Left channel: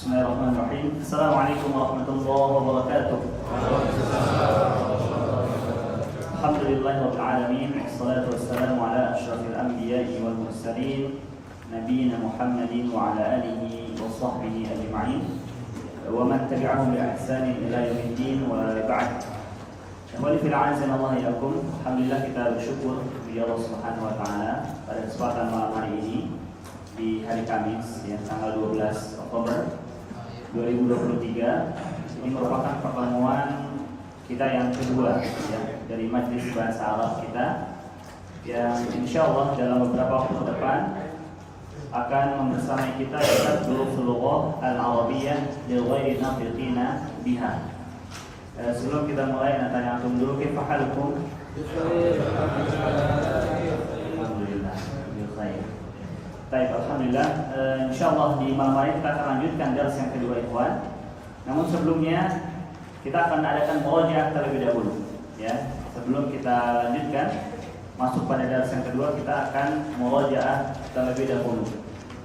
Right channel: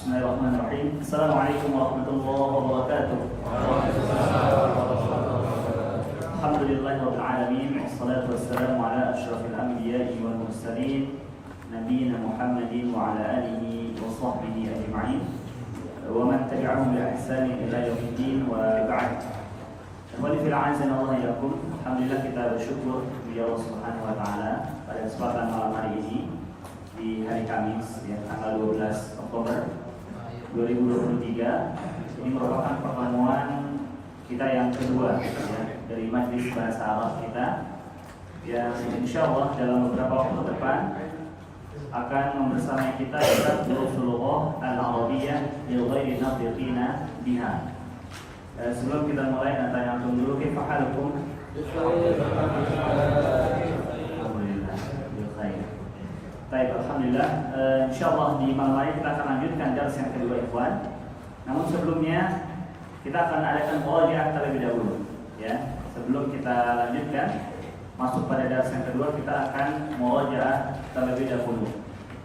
Bismillahirrahmanirrahim. Assalamualaikum warahmatullahi wabarakatuh. Alhamdulillahirabbil alamin. Wassalatu wassalamu ala asyrafil anbiya'i wal mursalin nabiyina Muhammadin wa ala alihi wa sahbihi ajma'in wa man tabi'ahum bi ihsanin ila yaumiddin wa ba'd. Kembali fil azan Allah ilakum. Alhamdulillah kita bersyukur kepada Allah Subhanahu wa taala pada kesempatan malam hari ini di hari Kamis ya, tanggal 12 Oktober 2023. Ini merupakan pertemuan kita yang kedua ya, dari Majelis Bahasa Arab kita yang insyaallah dalam beberapa waktu ke depan akan membersamai kita dalam Durusul Lughah Al-Arabiyyah lil ghairi nafiqina biha. Sebelum kita mulai, tanya antum dulu, kaifa halukum? Alhamdulillah, bilkhair. Baik, alhamdulillah. Insyaallah di malam hari kita akan lanjutkan dars yang kedua, ikhwan. Namun sebelumnya kita akan adakan murajaah terlebih dahulu, ya. Sebelum kita lanjutkan masuk pada dars yang kedua, kita akan murajaah terlebih dahulu.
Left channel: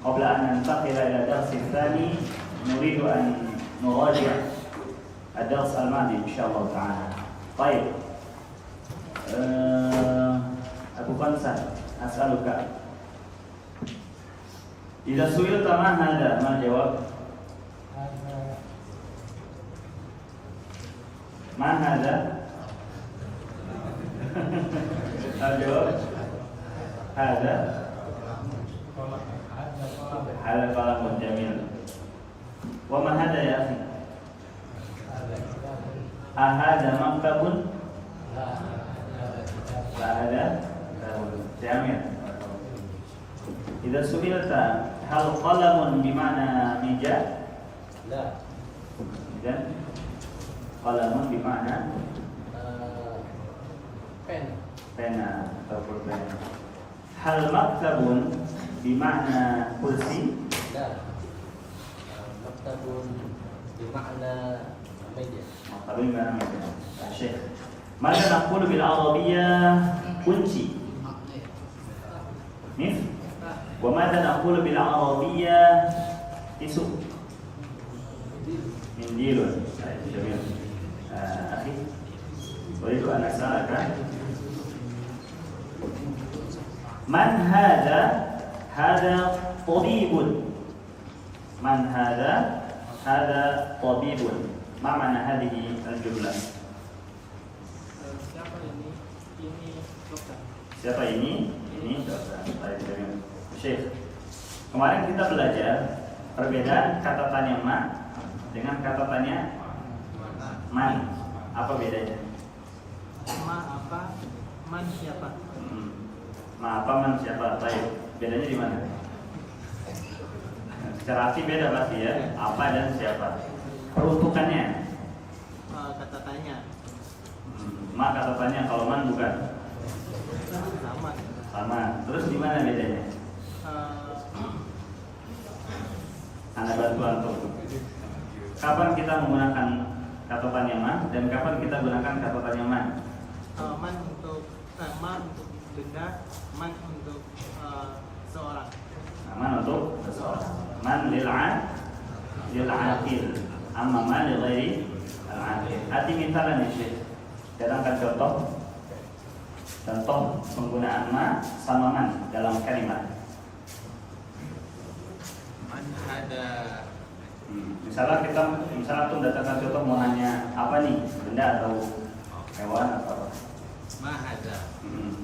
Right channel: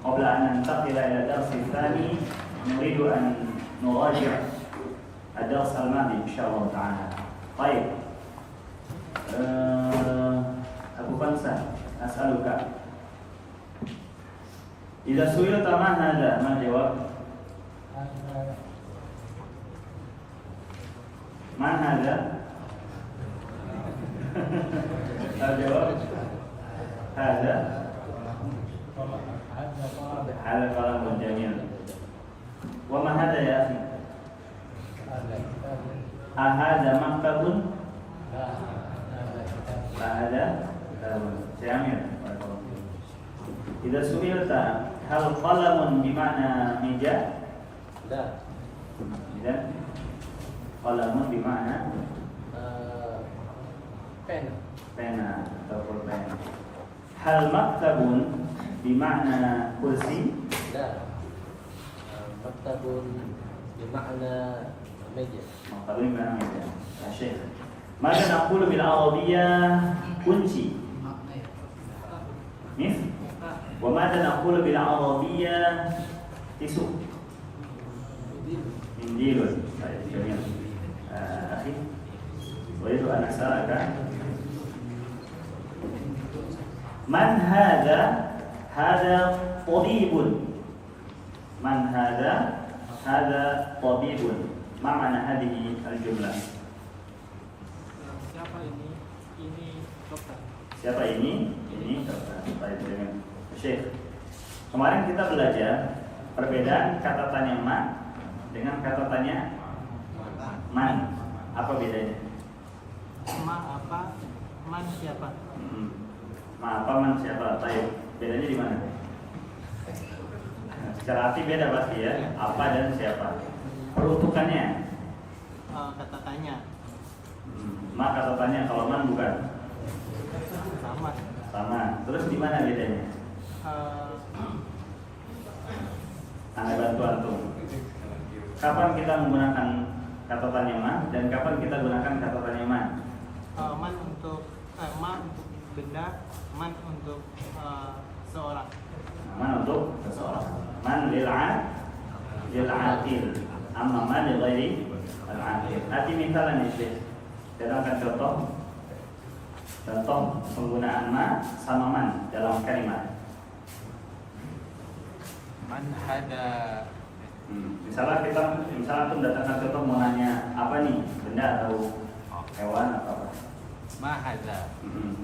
Qabla an nantaqila ila dars tsani, nuridu an nuraji' ad-dars al-madi insyaallah ta'ala. Baik. Abu Fansan, as'aluka. Idza su'ilta ma hadha, ma jawab? Ma hadha? Jawab. Hadha. Hadha kalamun jamil. Wa ma hadha ya akhi? Ahada maktabun? Ahada jamil. Idza su'ilta hal qalamun bima'na mija? La. Idzan qalamun bima'na pena atau pulpen. Hal maktabun bima'na kursi? La. Maktabun bima'na meja. Maktabun bima'na meja. Syekh. Maka naqulu bil arabiyyah kunci. Mif? Wa madza naqulu bil arabiyyah tisu? Mindilun. Baik, jamil. Akhi, uridu an as'alaka man hadha? Hadha tabibun. Man hadha? Hadha tabibun. Ma ma'na hadhihi al-jumlah? Siapa ini? Ini dokter. Siapa ini? Ini dokter. Baik, jamil. Syekh, kemarin kita belajar perbedaan kata tanya ma dengan kata tanya man. Apa bedanya? Ma apa? Man siapa? Ma apa, man siapa? Baik, bedanya di mana? Secara arti beda pasti ya. Apa dan siapa? Peruntukannya? Kata tanya. Ma kata tanya, kalau man bukan? Sama. Sama. Terus di mana bedanya? Anda bantu antum. Kapan kita menggunakan kata tanya man dan kapan kita gunakan kata tanya man? Man untuk benda, man untuk seorang. Man untuk seseorang. Man lil'aqil, amma man li ghairi al-aqil. Hati mintalan ya Syekh. Datangkan contoh penggunaan ma sama man dalam kalimat. Ada Misalnya pun datangkan contoh mau nanya apa nih, benda atau hewan atau apa? ma ada.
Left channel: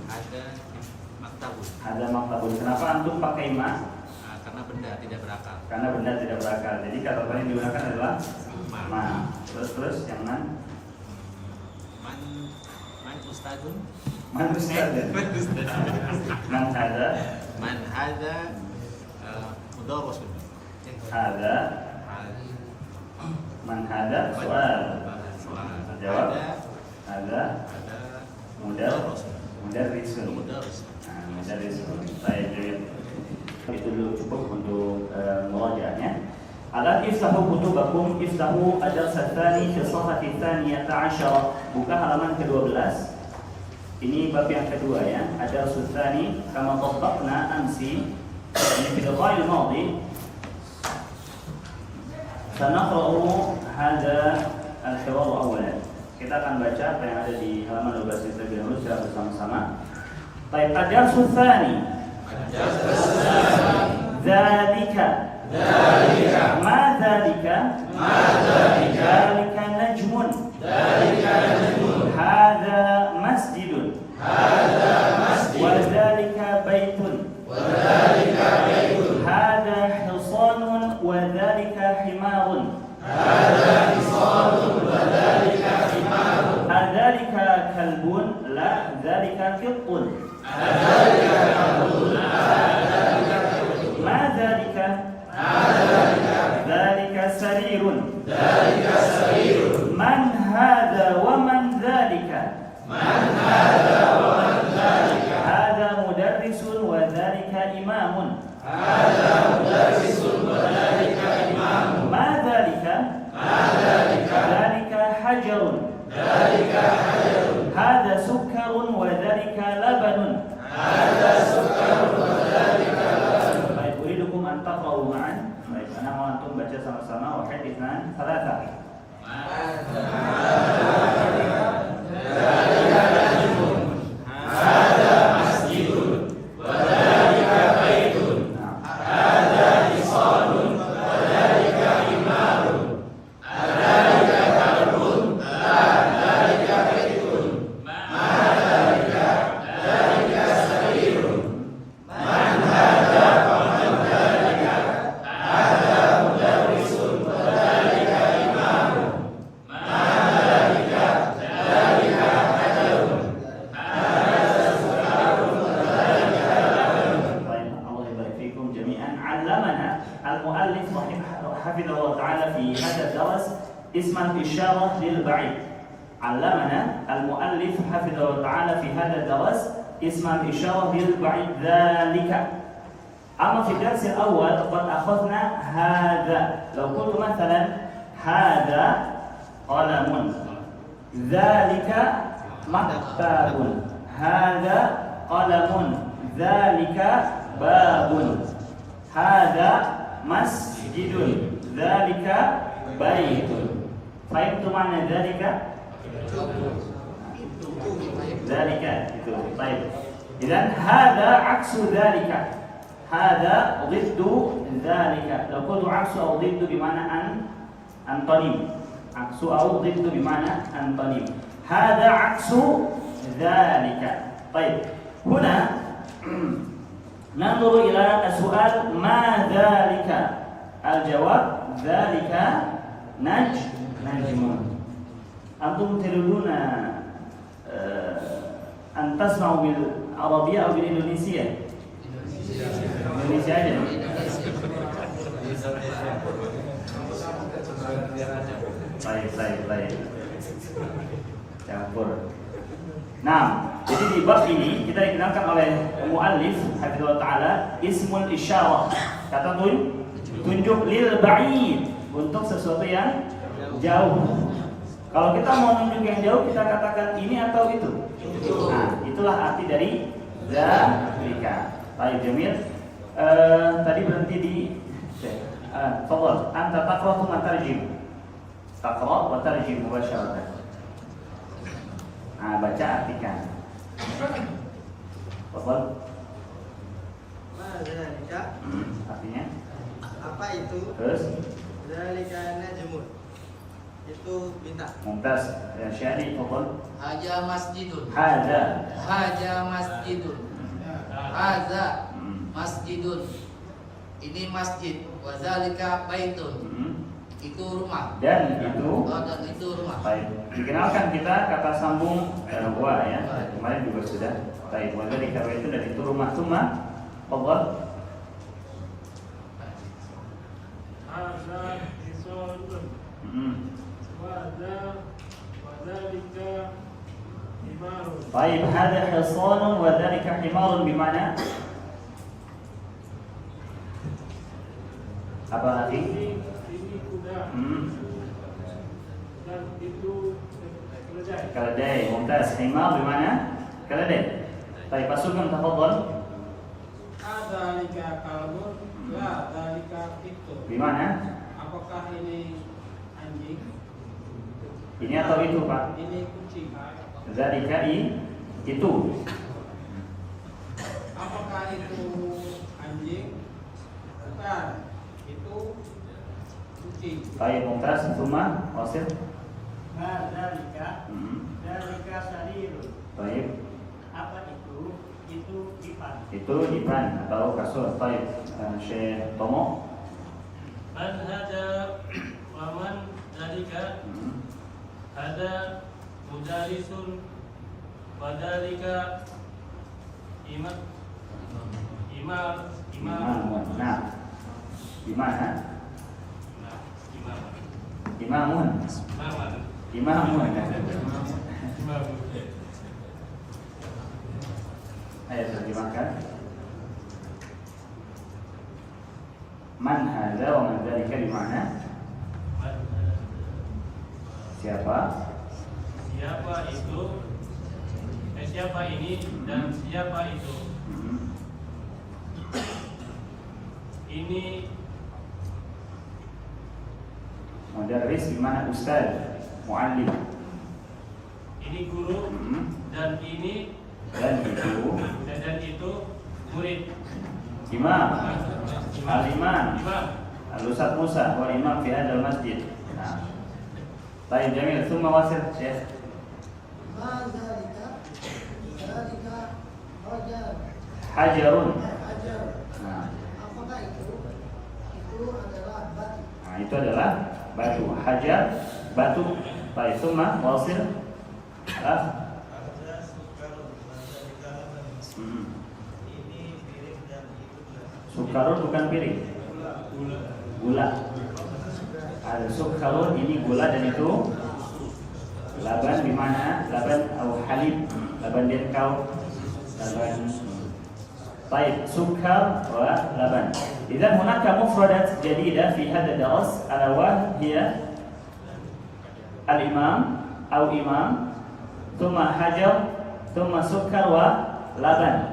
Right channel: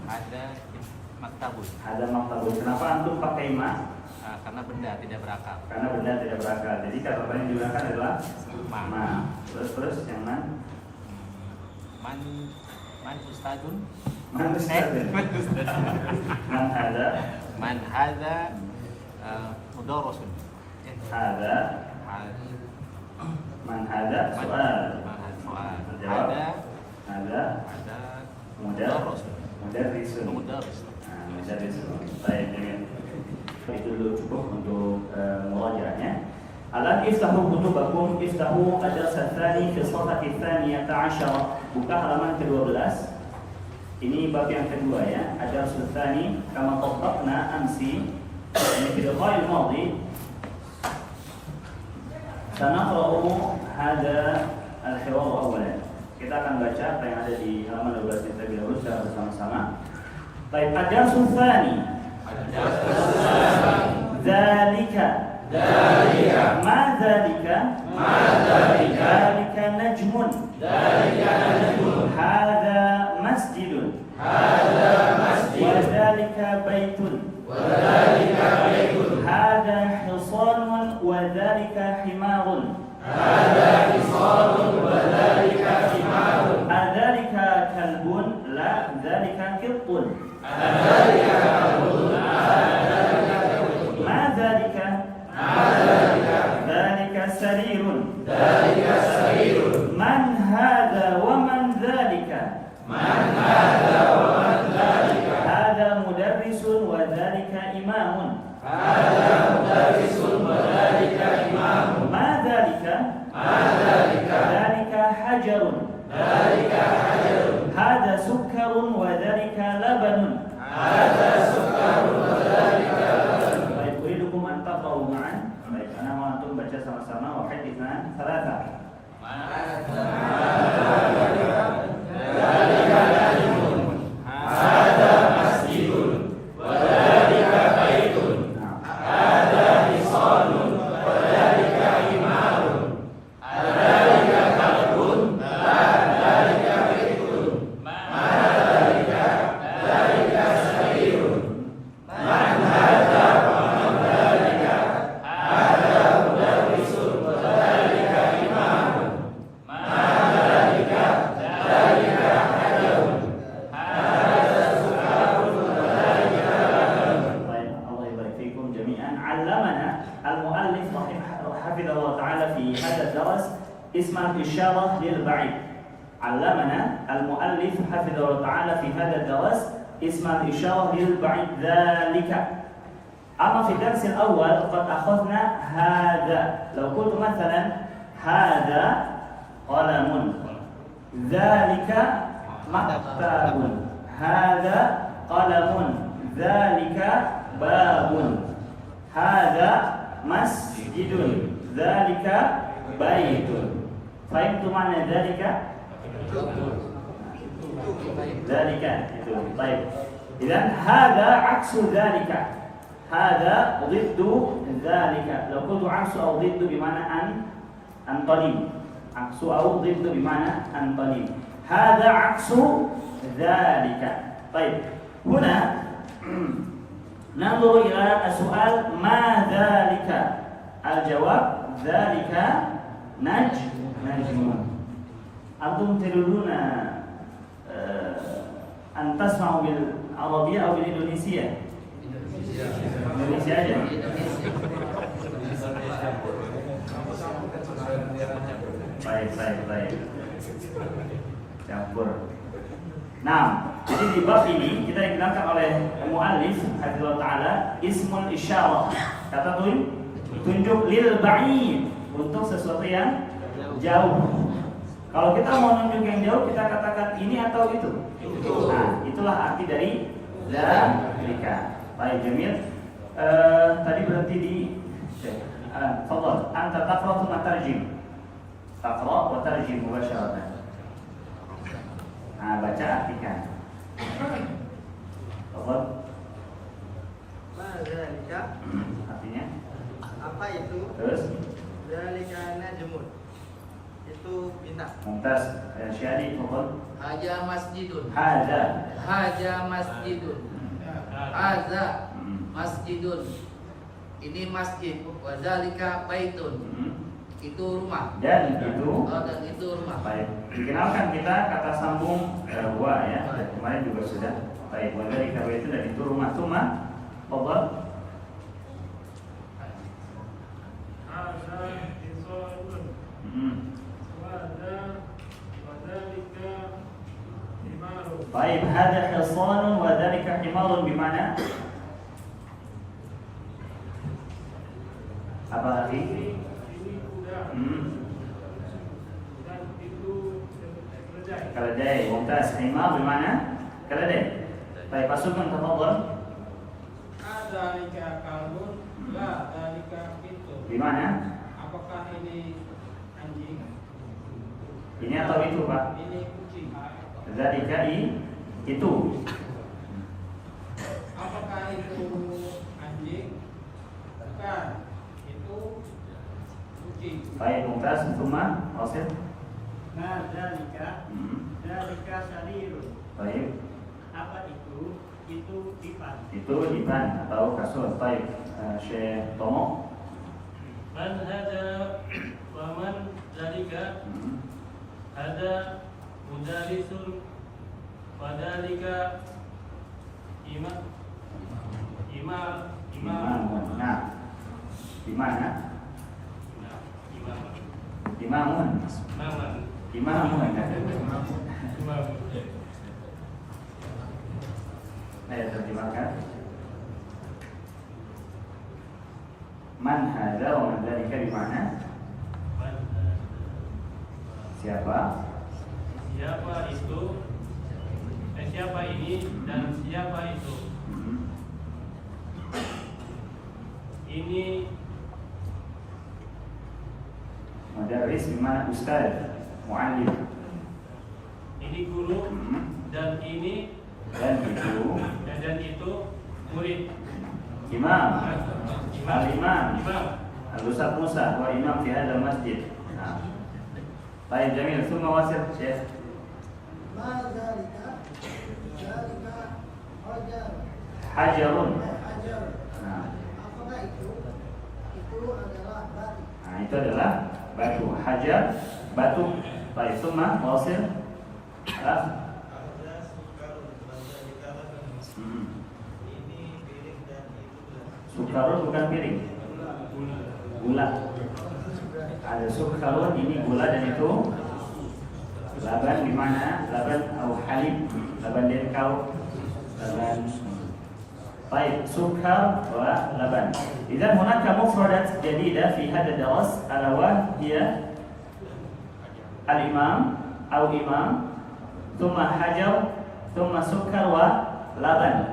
Ada maktabun. Ada maktabun. Kenapa antum pakai ma? Karena benda tidak berakal. Karena benda tidak berakal. Jadi kata yang digunakan adalah ma. Terus yang man? Man ustadun. Man ustadun. Man hada. Man hada mudarrisun. Hada. Man hada soal. Jawab. Hada. Mudarrisun. Mudarrisun. Baik, itu dulu cukup untuk murajaahnya. Alat iftahu kutubakum, iftahu ad-dars ats-tsani fi as-safhati ats-tsaniyah 'asharah. Buka halaman ke-12. Ini bab yang kedua ya. Ad-dars ats-tsani kama tabbaqna amsi. Ini fi al-madi Sanaqra'u hada al-hiwar awwalan. Kita akan baca apa yang ada di halaman 12 ini terlebih dahulu secara bersama-sama. Baik, ad-darsu tsani. Dzalika. Ma dzalika? Dzalika najmun. Hadza masjidun. Wa dzalika baitun. Hadza hisanun wa dzalika himarun. أذلك كلب؟ لا، ذلك قط. ما ذلك؟ ذلك سرير. من هذا ومن ذلك؟ هذا مدرس وذلك إمام. ما ذلك؟ ذلك حجر. هذا سكر وذلك لبن. Baik, uridukum an taqra'u ma'an. Baik, ana mau antum baca sama-sama. Wahid, itsnan, tsalatsa. اسم الإشارة للبعيد. علمنا المؤلف حفظه الله تعالى في هذا الدرس اسم الإشارة للبعيد ذلك. أما في الدرس الأول قد أخذنا هذا. لو قلت مثلا هذا قلم، ذلك مكتب، هذا قلم، ذلك باب، هذا مسجد، ذلك بيت. فهمتم معنى ذلك؟ ذلك itu. طيب. إذن هذا عكس ذلك. هذا ضد ذلك. لو قلت عكس أو ضد بمعنى أنطلب. عكس أو ضد بمعنى أنطلب. هذا عكس ذلك. طيب. هنا ننظر إلى السؤال ما ذلك؟ الجواب ذلك نجم. أنتم تريدون أن تسمعوا بالعربية أو بالإندونيسية؟ Indonesia aja. Baik. Campur. Nah, jadi di bab ini kita dikenalkan oleh muallif hafizahullah taala ismul isyarah. Kata tunjuk lil ba'id, untuk sesuatu yang jauh. Kalau kita mau nunjuk yang jauh, kita katakan ini atau itu. Nah, itulah arti dari dzalika. Baik, Jamil. Tadi berhenti di fadhal. Anta taqra wa tarjim. Taqra wa tarjim mubasharatan. Baca artikan. Fadhal. Ma dzalika? Artinya? Apa itu? Terus? Dzalika najmun. Itu bintang. Mumtaz. Syari, fadhal. Haja masjidun. Haja masjidun. Haza masjidun. Ini masjid. Wadzalika baitun. Itu rumah. Dan itu. Dan itu rumah. Baik. Dikenalkan kita kata sambung wa ya. Kemarin juga sudah. Baik. Wadzalika baitun, dan itu rumah. Tsumma fadhal. Haza hisanun. وذلك حمار. طيب، هذا حصان وذلك حمار بمعنى apa lagi? Ini kuda. Dan itu keledai. Keledai. Mumtaz. Himar bimana? Keledai. Baik, pasukan tafadhal. Dzalika kalbun, la dzalika itu. Bimana? Apakah ini anjing. Ini atau itu, Pak? Ini kucing. Zalika itu. Apakah itu anjing? Bukan. Itu kucing. Baik, Mumtaz, Tuma, Wasil. Nah, zalika. Zalika sarirun. Baik, Apa itu? Itu dipan. itu dipan atau kasur. Baik, Syekh Tomo. Man hada wa man dalika hada mujalisun wa dalika imam. Nah, di mana? Imamun. Ayo terjemahkan. Man hadza wa man dzalika di mana? Siapa? Siapa itu? Siapa ini dan siapa itu? Ini Mudarris di mana ustaz? Muallim. ini guru dan ini Dan itu dan itu murid. imam. Al-imam. Imam. Al-Ustaz Musa wa imam fi hadzal masjid. Nah. Baik, jamil. Summa wasil, Syekh. Hajarun. Nah. Nah, itu adalah batu. Hajar, batu. Baik, summa wasil. Sukarun bukan piring. Gula. Ada sukarun, ini gula dan itu laban di mana? Laban atau halib, laban denkau, laban. Baik, sukar wa laban. Idzan hunaka mufradat jadidah fi hadha ad-dars ala wa hiya al-imam atau imam, thumma hajar, thumma sukar wa laban.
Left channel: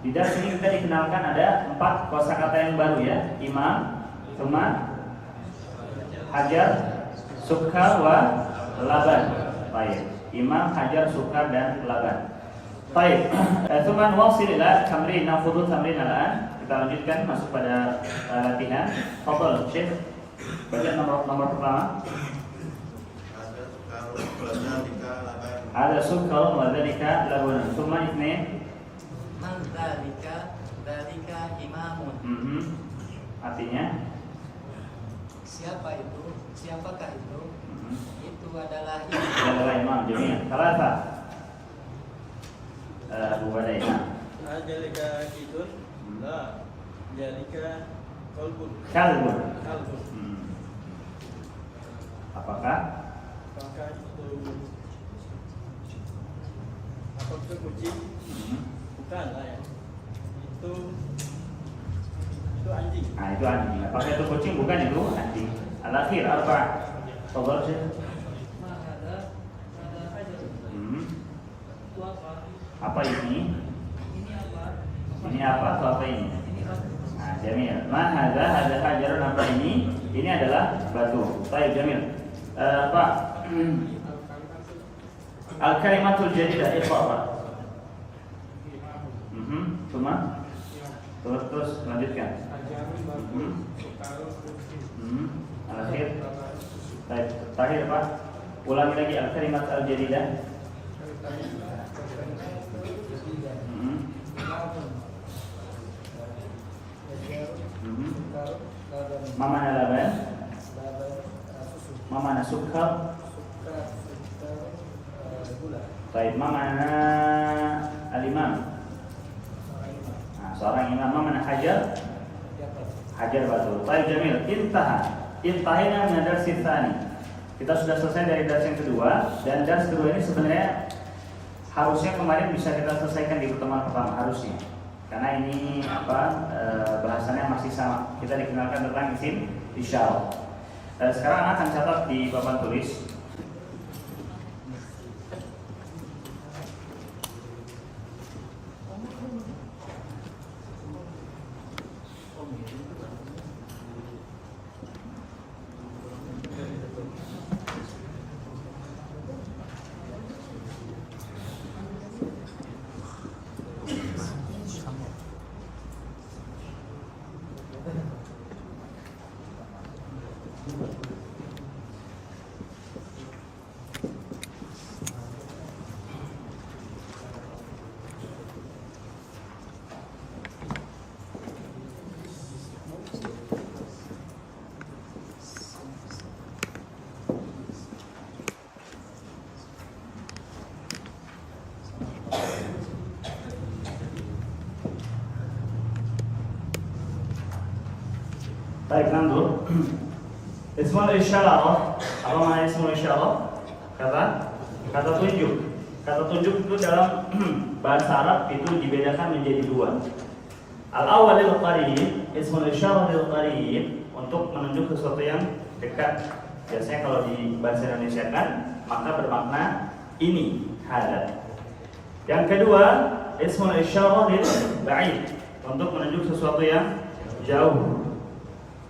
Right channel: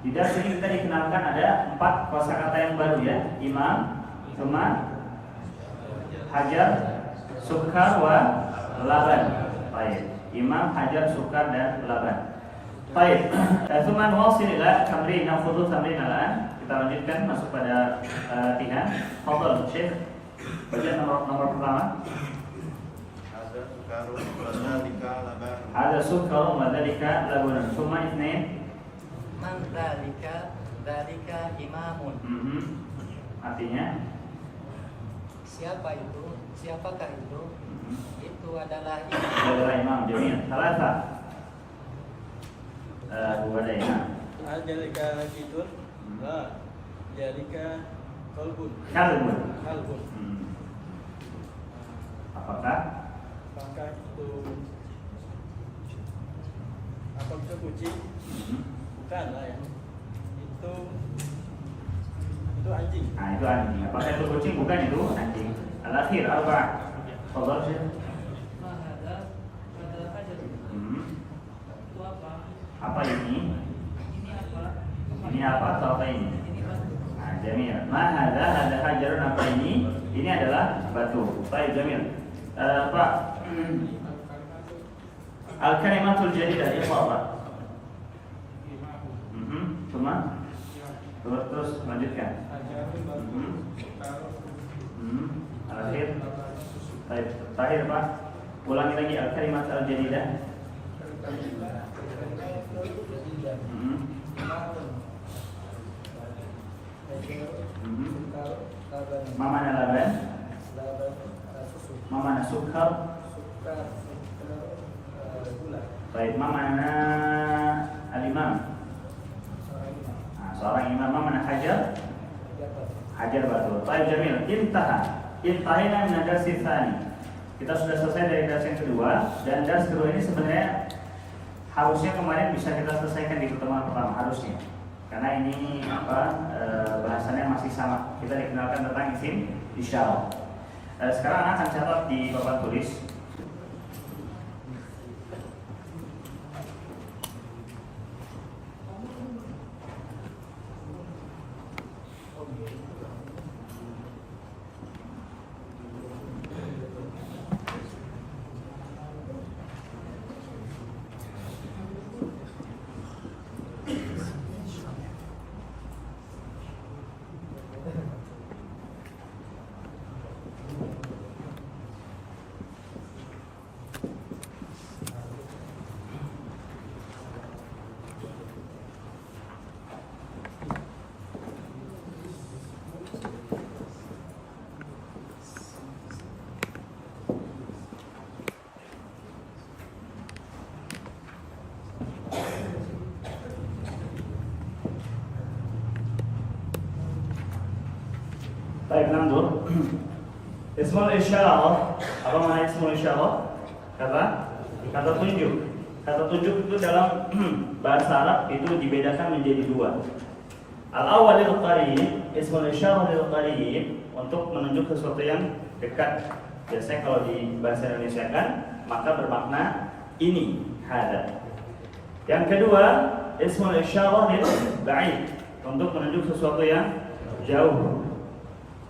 Di dars ini kita dikenalkan ada 4 kosakata yang baru ya. Imam, thumma hajar, sukar wa laban. Baik, imam, hajar, sukar dan laban. Baik, thumma nuwasil ila tamrin nafudhu tamrin al-an. Kita lanjutkan masuk pada latihan. Fadhal Syekh. Baca nomor pertama. Ada sukar wa dzalika laban. Thumma itsnain. Man dalika imamun. Artinya Siapa itu? Siapakah itu? Itu adalah imam. Jadi salasa. Dua ada imam. Adzalika idun. La. Adzalika kolbun. Kalbun. Kalbun. Apakah? Apakah itu kucing? Bukan, lain. Itu anjing. Nah, itu anjing. Apakah itu kucing? Bukan, itu anjing. Al-akhir arba'ah. Fadhal Syekh. Apa ini? Ini apa atau apa ini? Nah, jamil. Ma hadza hajarun, apa ini? Ini adalah batu. Baik, jamil. Pak. Al-kalimatul jadidah itu apa? Terus lanjutkan. Al-akhir. Baik, terakhir Pak. Ulangi lagi al-kalimat al-jadidah. Mamana laban? Mamana sukar? Baik, mamana al-imam? Nah, seorang imam. Mamana hajar? Hajar batu. Baik, jamil. Intahina min ad-darsi tsani. Kita sudah selesai dari dars yang kedua, dan dars kedua ini sebenarnya harusnya kemarin bisa kita selesaikan di pertemuan pertama, harusnya. Karena ini bahasannya masih sama. Kita dikenalkan tentang isim isyarah. Sekarang anak akan catat di papan tulis. Baik, nandur. Ismul isyarah. Apa makna ismul isyarah? Kata tunjuk. Kata tunjuk itu dalam bahasa Arab itu dibedakan menjadi dua. Al-awwal lil qarib, ismul isyarah lil qarib, untuk menunjuk sesuatu yang dekat. Biasanya kalau di bahasa Indonesia kan, maka bermakna ini, hada. Yang kedua, ismul isyarah lil ba'id, untuk menunjuk sesuatu yang jauh.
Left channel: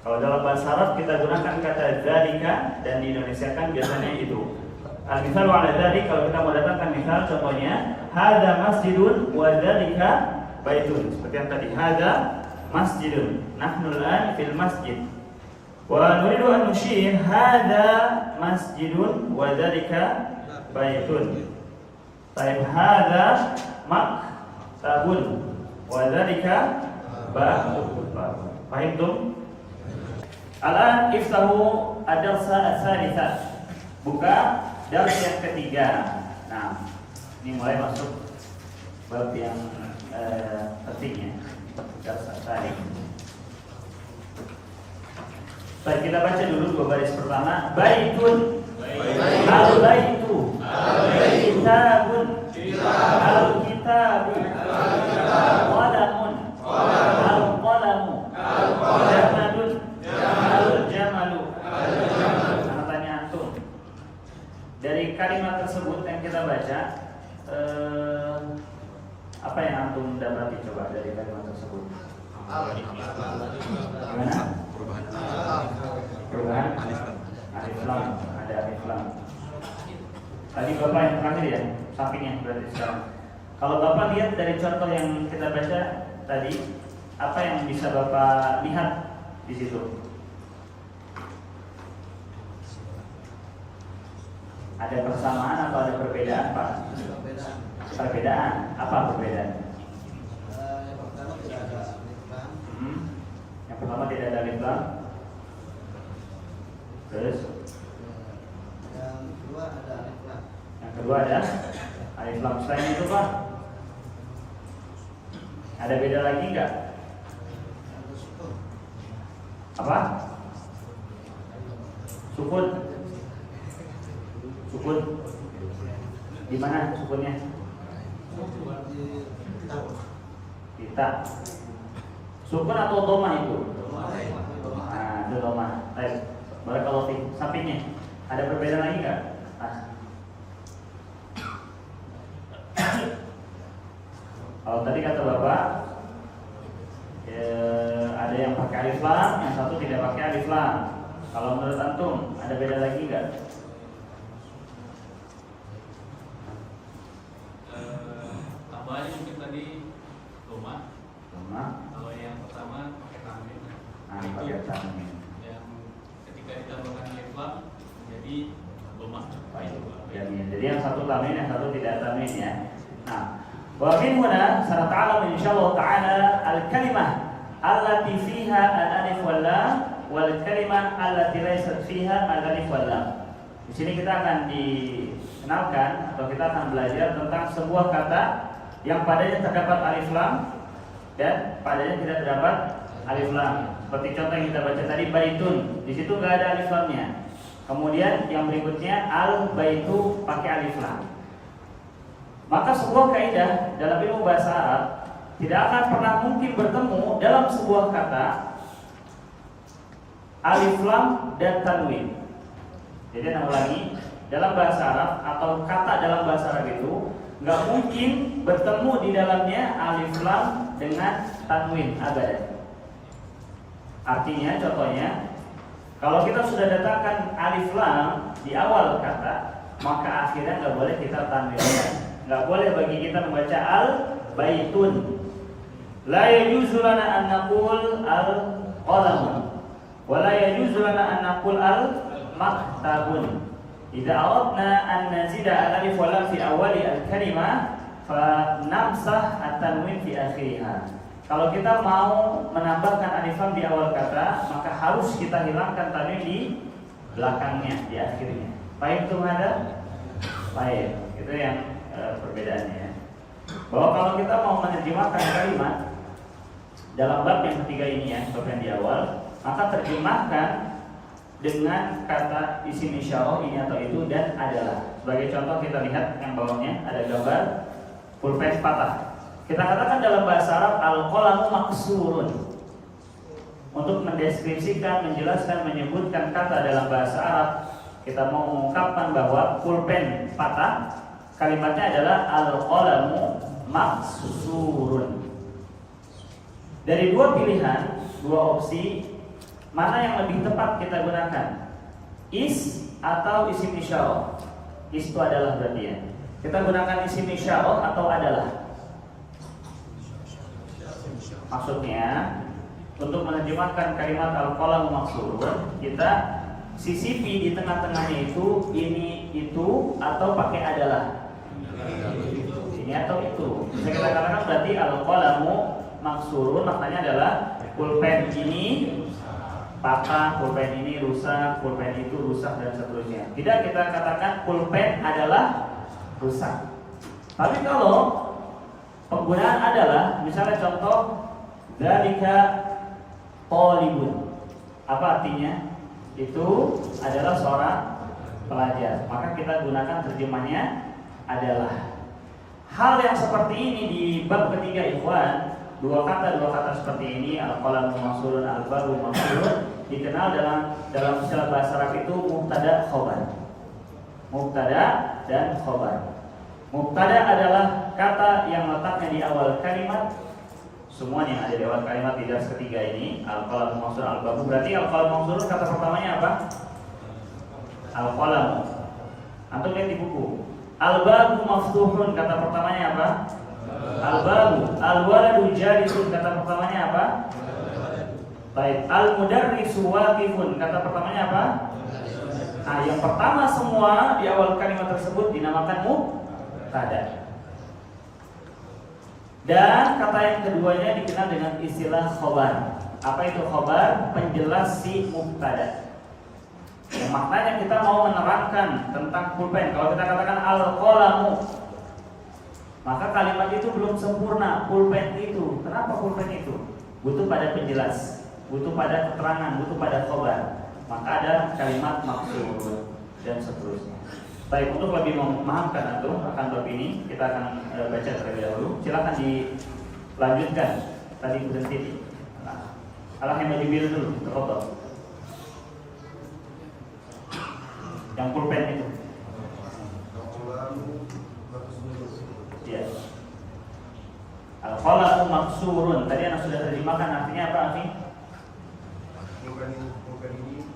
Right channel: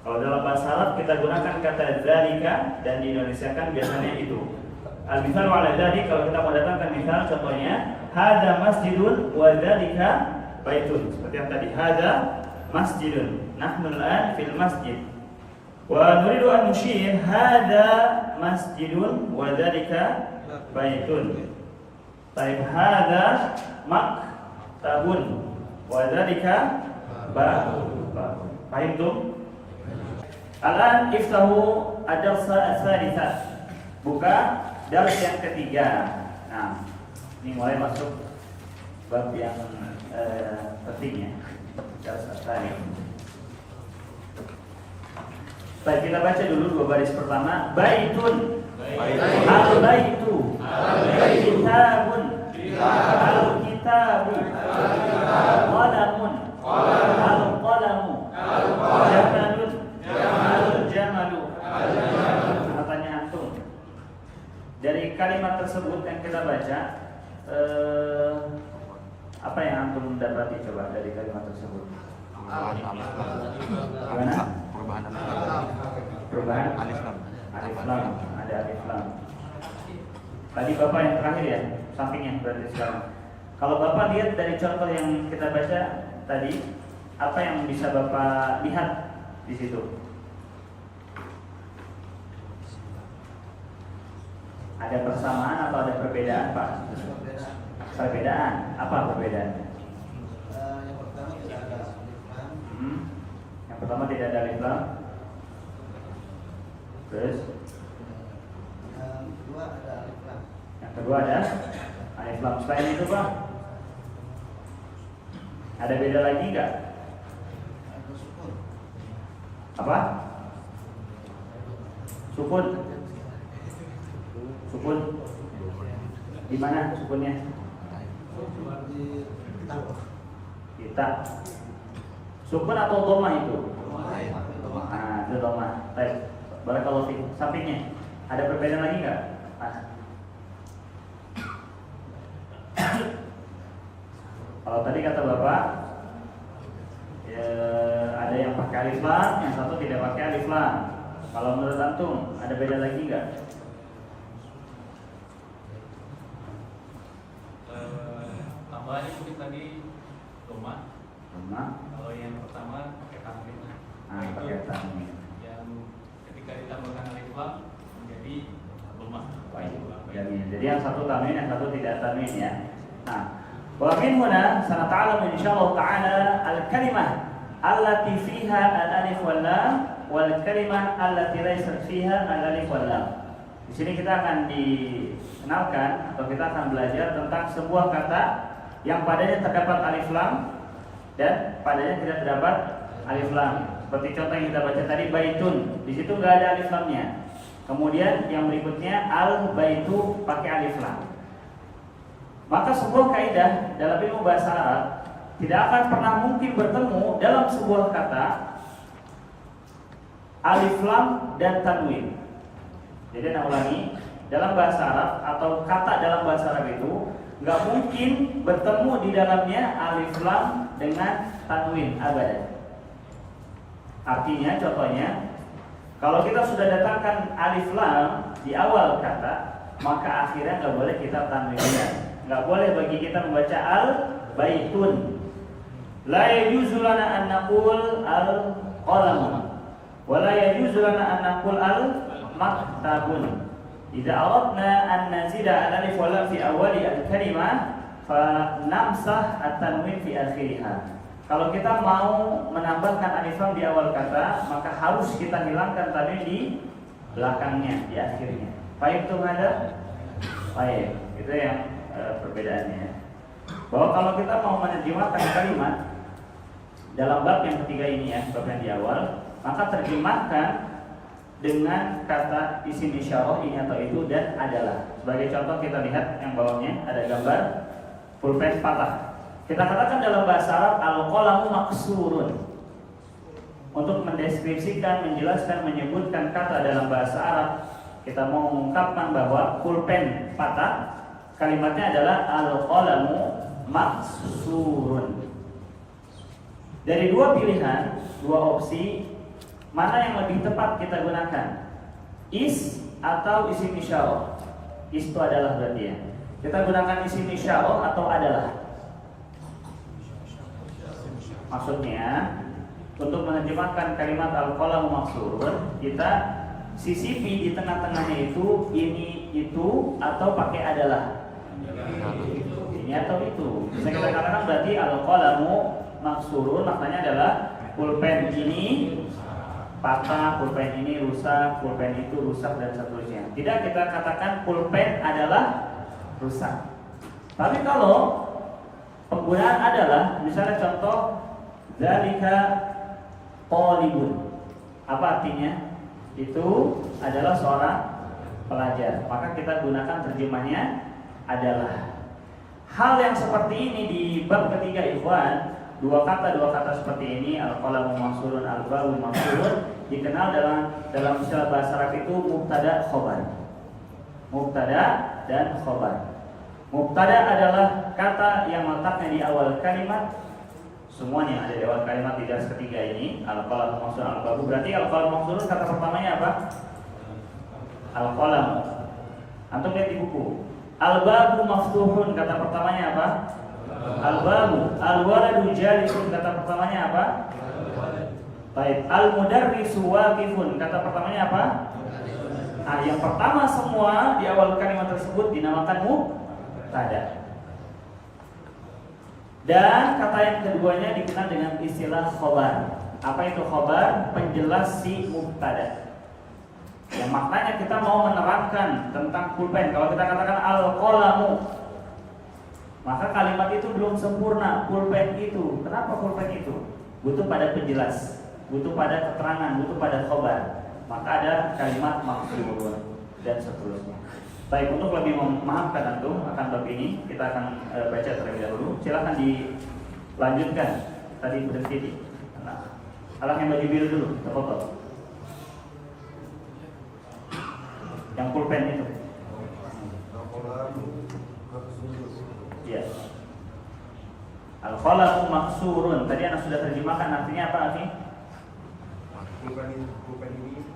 Kalau dalam bahasa Arab kita gunakan kata dzalika, dan di Indonesia kan biasanya itu. Al-mithal ala dzalik, kalau kita mau datangkan misal contohnya hada masjidun wa dzalika baitun. Seperti yang tadi, hada masjidun, nahnu al-an fil masjid. Wa nuridu an nushir hada masjidun wa dzalika baitun. Baik, hada maktabun wa dzalika ba'un. Fahimtum? Al-an iftahu ad-darsa ats-tsalitsah. Buka dars yang ketiga. Nah, ini mulai masuk bab yang pentingnya. Dars ats-tsalits. Baik, kita baca dulu dua baris pertama. Baitun, al-baitu, kitabun, al-kitabu, qalamun, al-qalamu, jamalun, al-jamalu. Pertanyaan antum. Dari kalimat tersebut yang kita baca, apa yang antum dapati coba dari kalimat tersebut? Gimana? Perubahan alif lam, ada alif lam. Tadi Bapak yang terakhir ya, sampingnya berarti sekarang. Kalau Bapak lihat dari contoh yang kita baca tadi, apa yang bisa Bapak lihat di situ? Ada persamaan atau ada perbedaan, Pak? Perbedaan. Apa perbedaannya? Yang pertama tidak ada alif lam. Terus yang kedua ada alif lam. Selain itu, Pak, ada beda lagi enggak? Apa? Sukun. Sukun. Di mana sukunnya? Kita. Sukun atau dhamma itu? Nah, itu dhamma. Baik. Barakallahu fiik. Sampingnya ada perbedaan lagi enggak? Kalau tadi kata Bapak ada yang pakai alif lam, yang satu tidak pakai alif lam. Kalau menurut antum ada beda lagi enggak? Tambahannya mungkin tadi doma. Kalau yang pertama pakai tanwin. Pakai tanwin. Yang ketika ditambahkan alif lam menjadi doma. Jadi yang satu tanwin, yang satu tidak tanwin ya. Nah, wa min huna sanata'alamu insyaallah ta'ala al-kalimah allati fiha al-alif wal lam wal kalimah allati laysat fiha al-alif wal lam. Di sini kita akan dikenalkan atau kita akan belajar tentang sebuah kata yang padanya terdapat alif lam dan padanya tidak terdapat alif lam. Seperti contoh yang kita baca tadi, baitun. Di situ nggak ada alif lamnya. Kemudian yang berikutnya al-baitu pakai alif lam. Maka sebuah kaidah dalam ilmu bahasa Arab tidak akan pernah mungkin bertemu dalam sebuah kata alif lam dan tanwin. Jadi saya ulangi, dalam bahasa Arab atau kata dalam bahasa Arab itu nggak mungkin bertemu di dalamnya alif lam dengan tanwin abadan. Artinya, contohnya, kalau kita sudah datangkan alif lam di awal kata, maka akhirnya nggak boleh kita tanwinkan. Nggak boleh bagi kita membaca al-baitun. La yajuzu lana an naqul al-qalam wa la yajuzu lana an naqul al-maktabun. Idza aradna an nazida al-alif wal lam fi awwali al-kalimah fa namsah at-tanwin fi akhiriha. Kalau kita mau menambahkan alif lam di awal kata, maka harus kita hilangkan tanwin di belakangnya, di akhirnya. Baik itu ada? Baik, itu yang perbedaannya. Bahwa kalau kita mau menerjemahkan kalimat dalam bab yang ketiga ini ya, bab yang di awal, maka terjemahkan dengan kata isim isyarah ini atau itu dan adalah. Sebagai contoh kita lihat yang bawahnya ada gambar pulpen patah. Kita katakan dalam bahasa Arab al-qalamu maksurun. Untuk mendeskripsikan, menjelaskan, menyebutkan kata dalam bahasa Arab, kita mau mengungkapkan bahwa pulpen patah, kalimatnya adalah al-qalamu maksurun. Dari dua pilihan, dua opsi, mana yang lebih tepat kita gunakan? Is atau isim isyarah? Is itu adalah berarti ya. Kita gunakan isim isyarah atau adalah? Maksudnya untuk menerjemahkan kalimat al-qalamu maksurun, kita sisipi di tengah-tengahnya itu ini, itu, atau pakai adalah? Ini atau itu. Bisa kita katakan berarti al-qalamu maksurun maknanya adalah pulpen ini patah, pulpen ini rusak, pulpen itu rusak dan seterusnya. Tidak kita katakan pulpen adalah rusak. Tapi kalau penggunaan adalah, misalnya contoh dzalika talibun. Apa artinya? Itu adalah seorang pelajar. Maka kita gunakan terjemahnya adalah. Hal yang seperti ini di bab ketiga ikhwan, dua kata seperti ini al-qalamu maksurun, al-babu maksurun, dikenal dalam istilah bahasa Arab itu mubtada khobar. Mubtada dan khobar. Mubtada adalah kata yang letaknya di awal kalimat. Semuanya ada di awal kalimat di garis ketiga ini al-qalamu maksurun, al-babu. Berarti al-qalamu maksurun kata pertamanya apa? Al-qalamu. Antum lihat di buku. Al-babu maftuhun kata pertamanya apa? Al-babu. Al-waladu jalisun kata pertamanya apa? Baik. Al-mudarrisu waqifun kata pertamanya apa? Nah, yang pertama semua di awal kalimat tersebut dinamakan mubtada. Dan kata yang keduanya dikenal dengan istilah khobar. Apa itu khobar? Penjelas si mubtada. Yang maknanya kita mau menerangkan tentang pulpen. Kalau kita katakan al-qalamu, maka kalimat itu belum sempurna. Pulpen itu, kenapa pulpen itu? Butuh pada penjelas, butuh pada keterangan, butuh pada khobar. Maka ada kalimat maksud dan seterusnya. Baik, untuk lebih memahamkan itu akan bab ini, kita akan baca terlebih dahulu. Silakan dilanjutkan. Tadi berhenti di Al-Hamdulillah dulu, apa-apa. Yang pulpen itu. Ya. Al-qalamu maksurun. Tadi anak sudah terjemahkan artinya apa arti? Pulpen ini.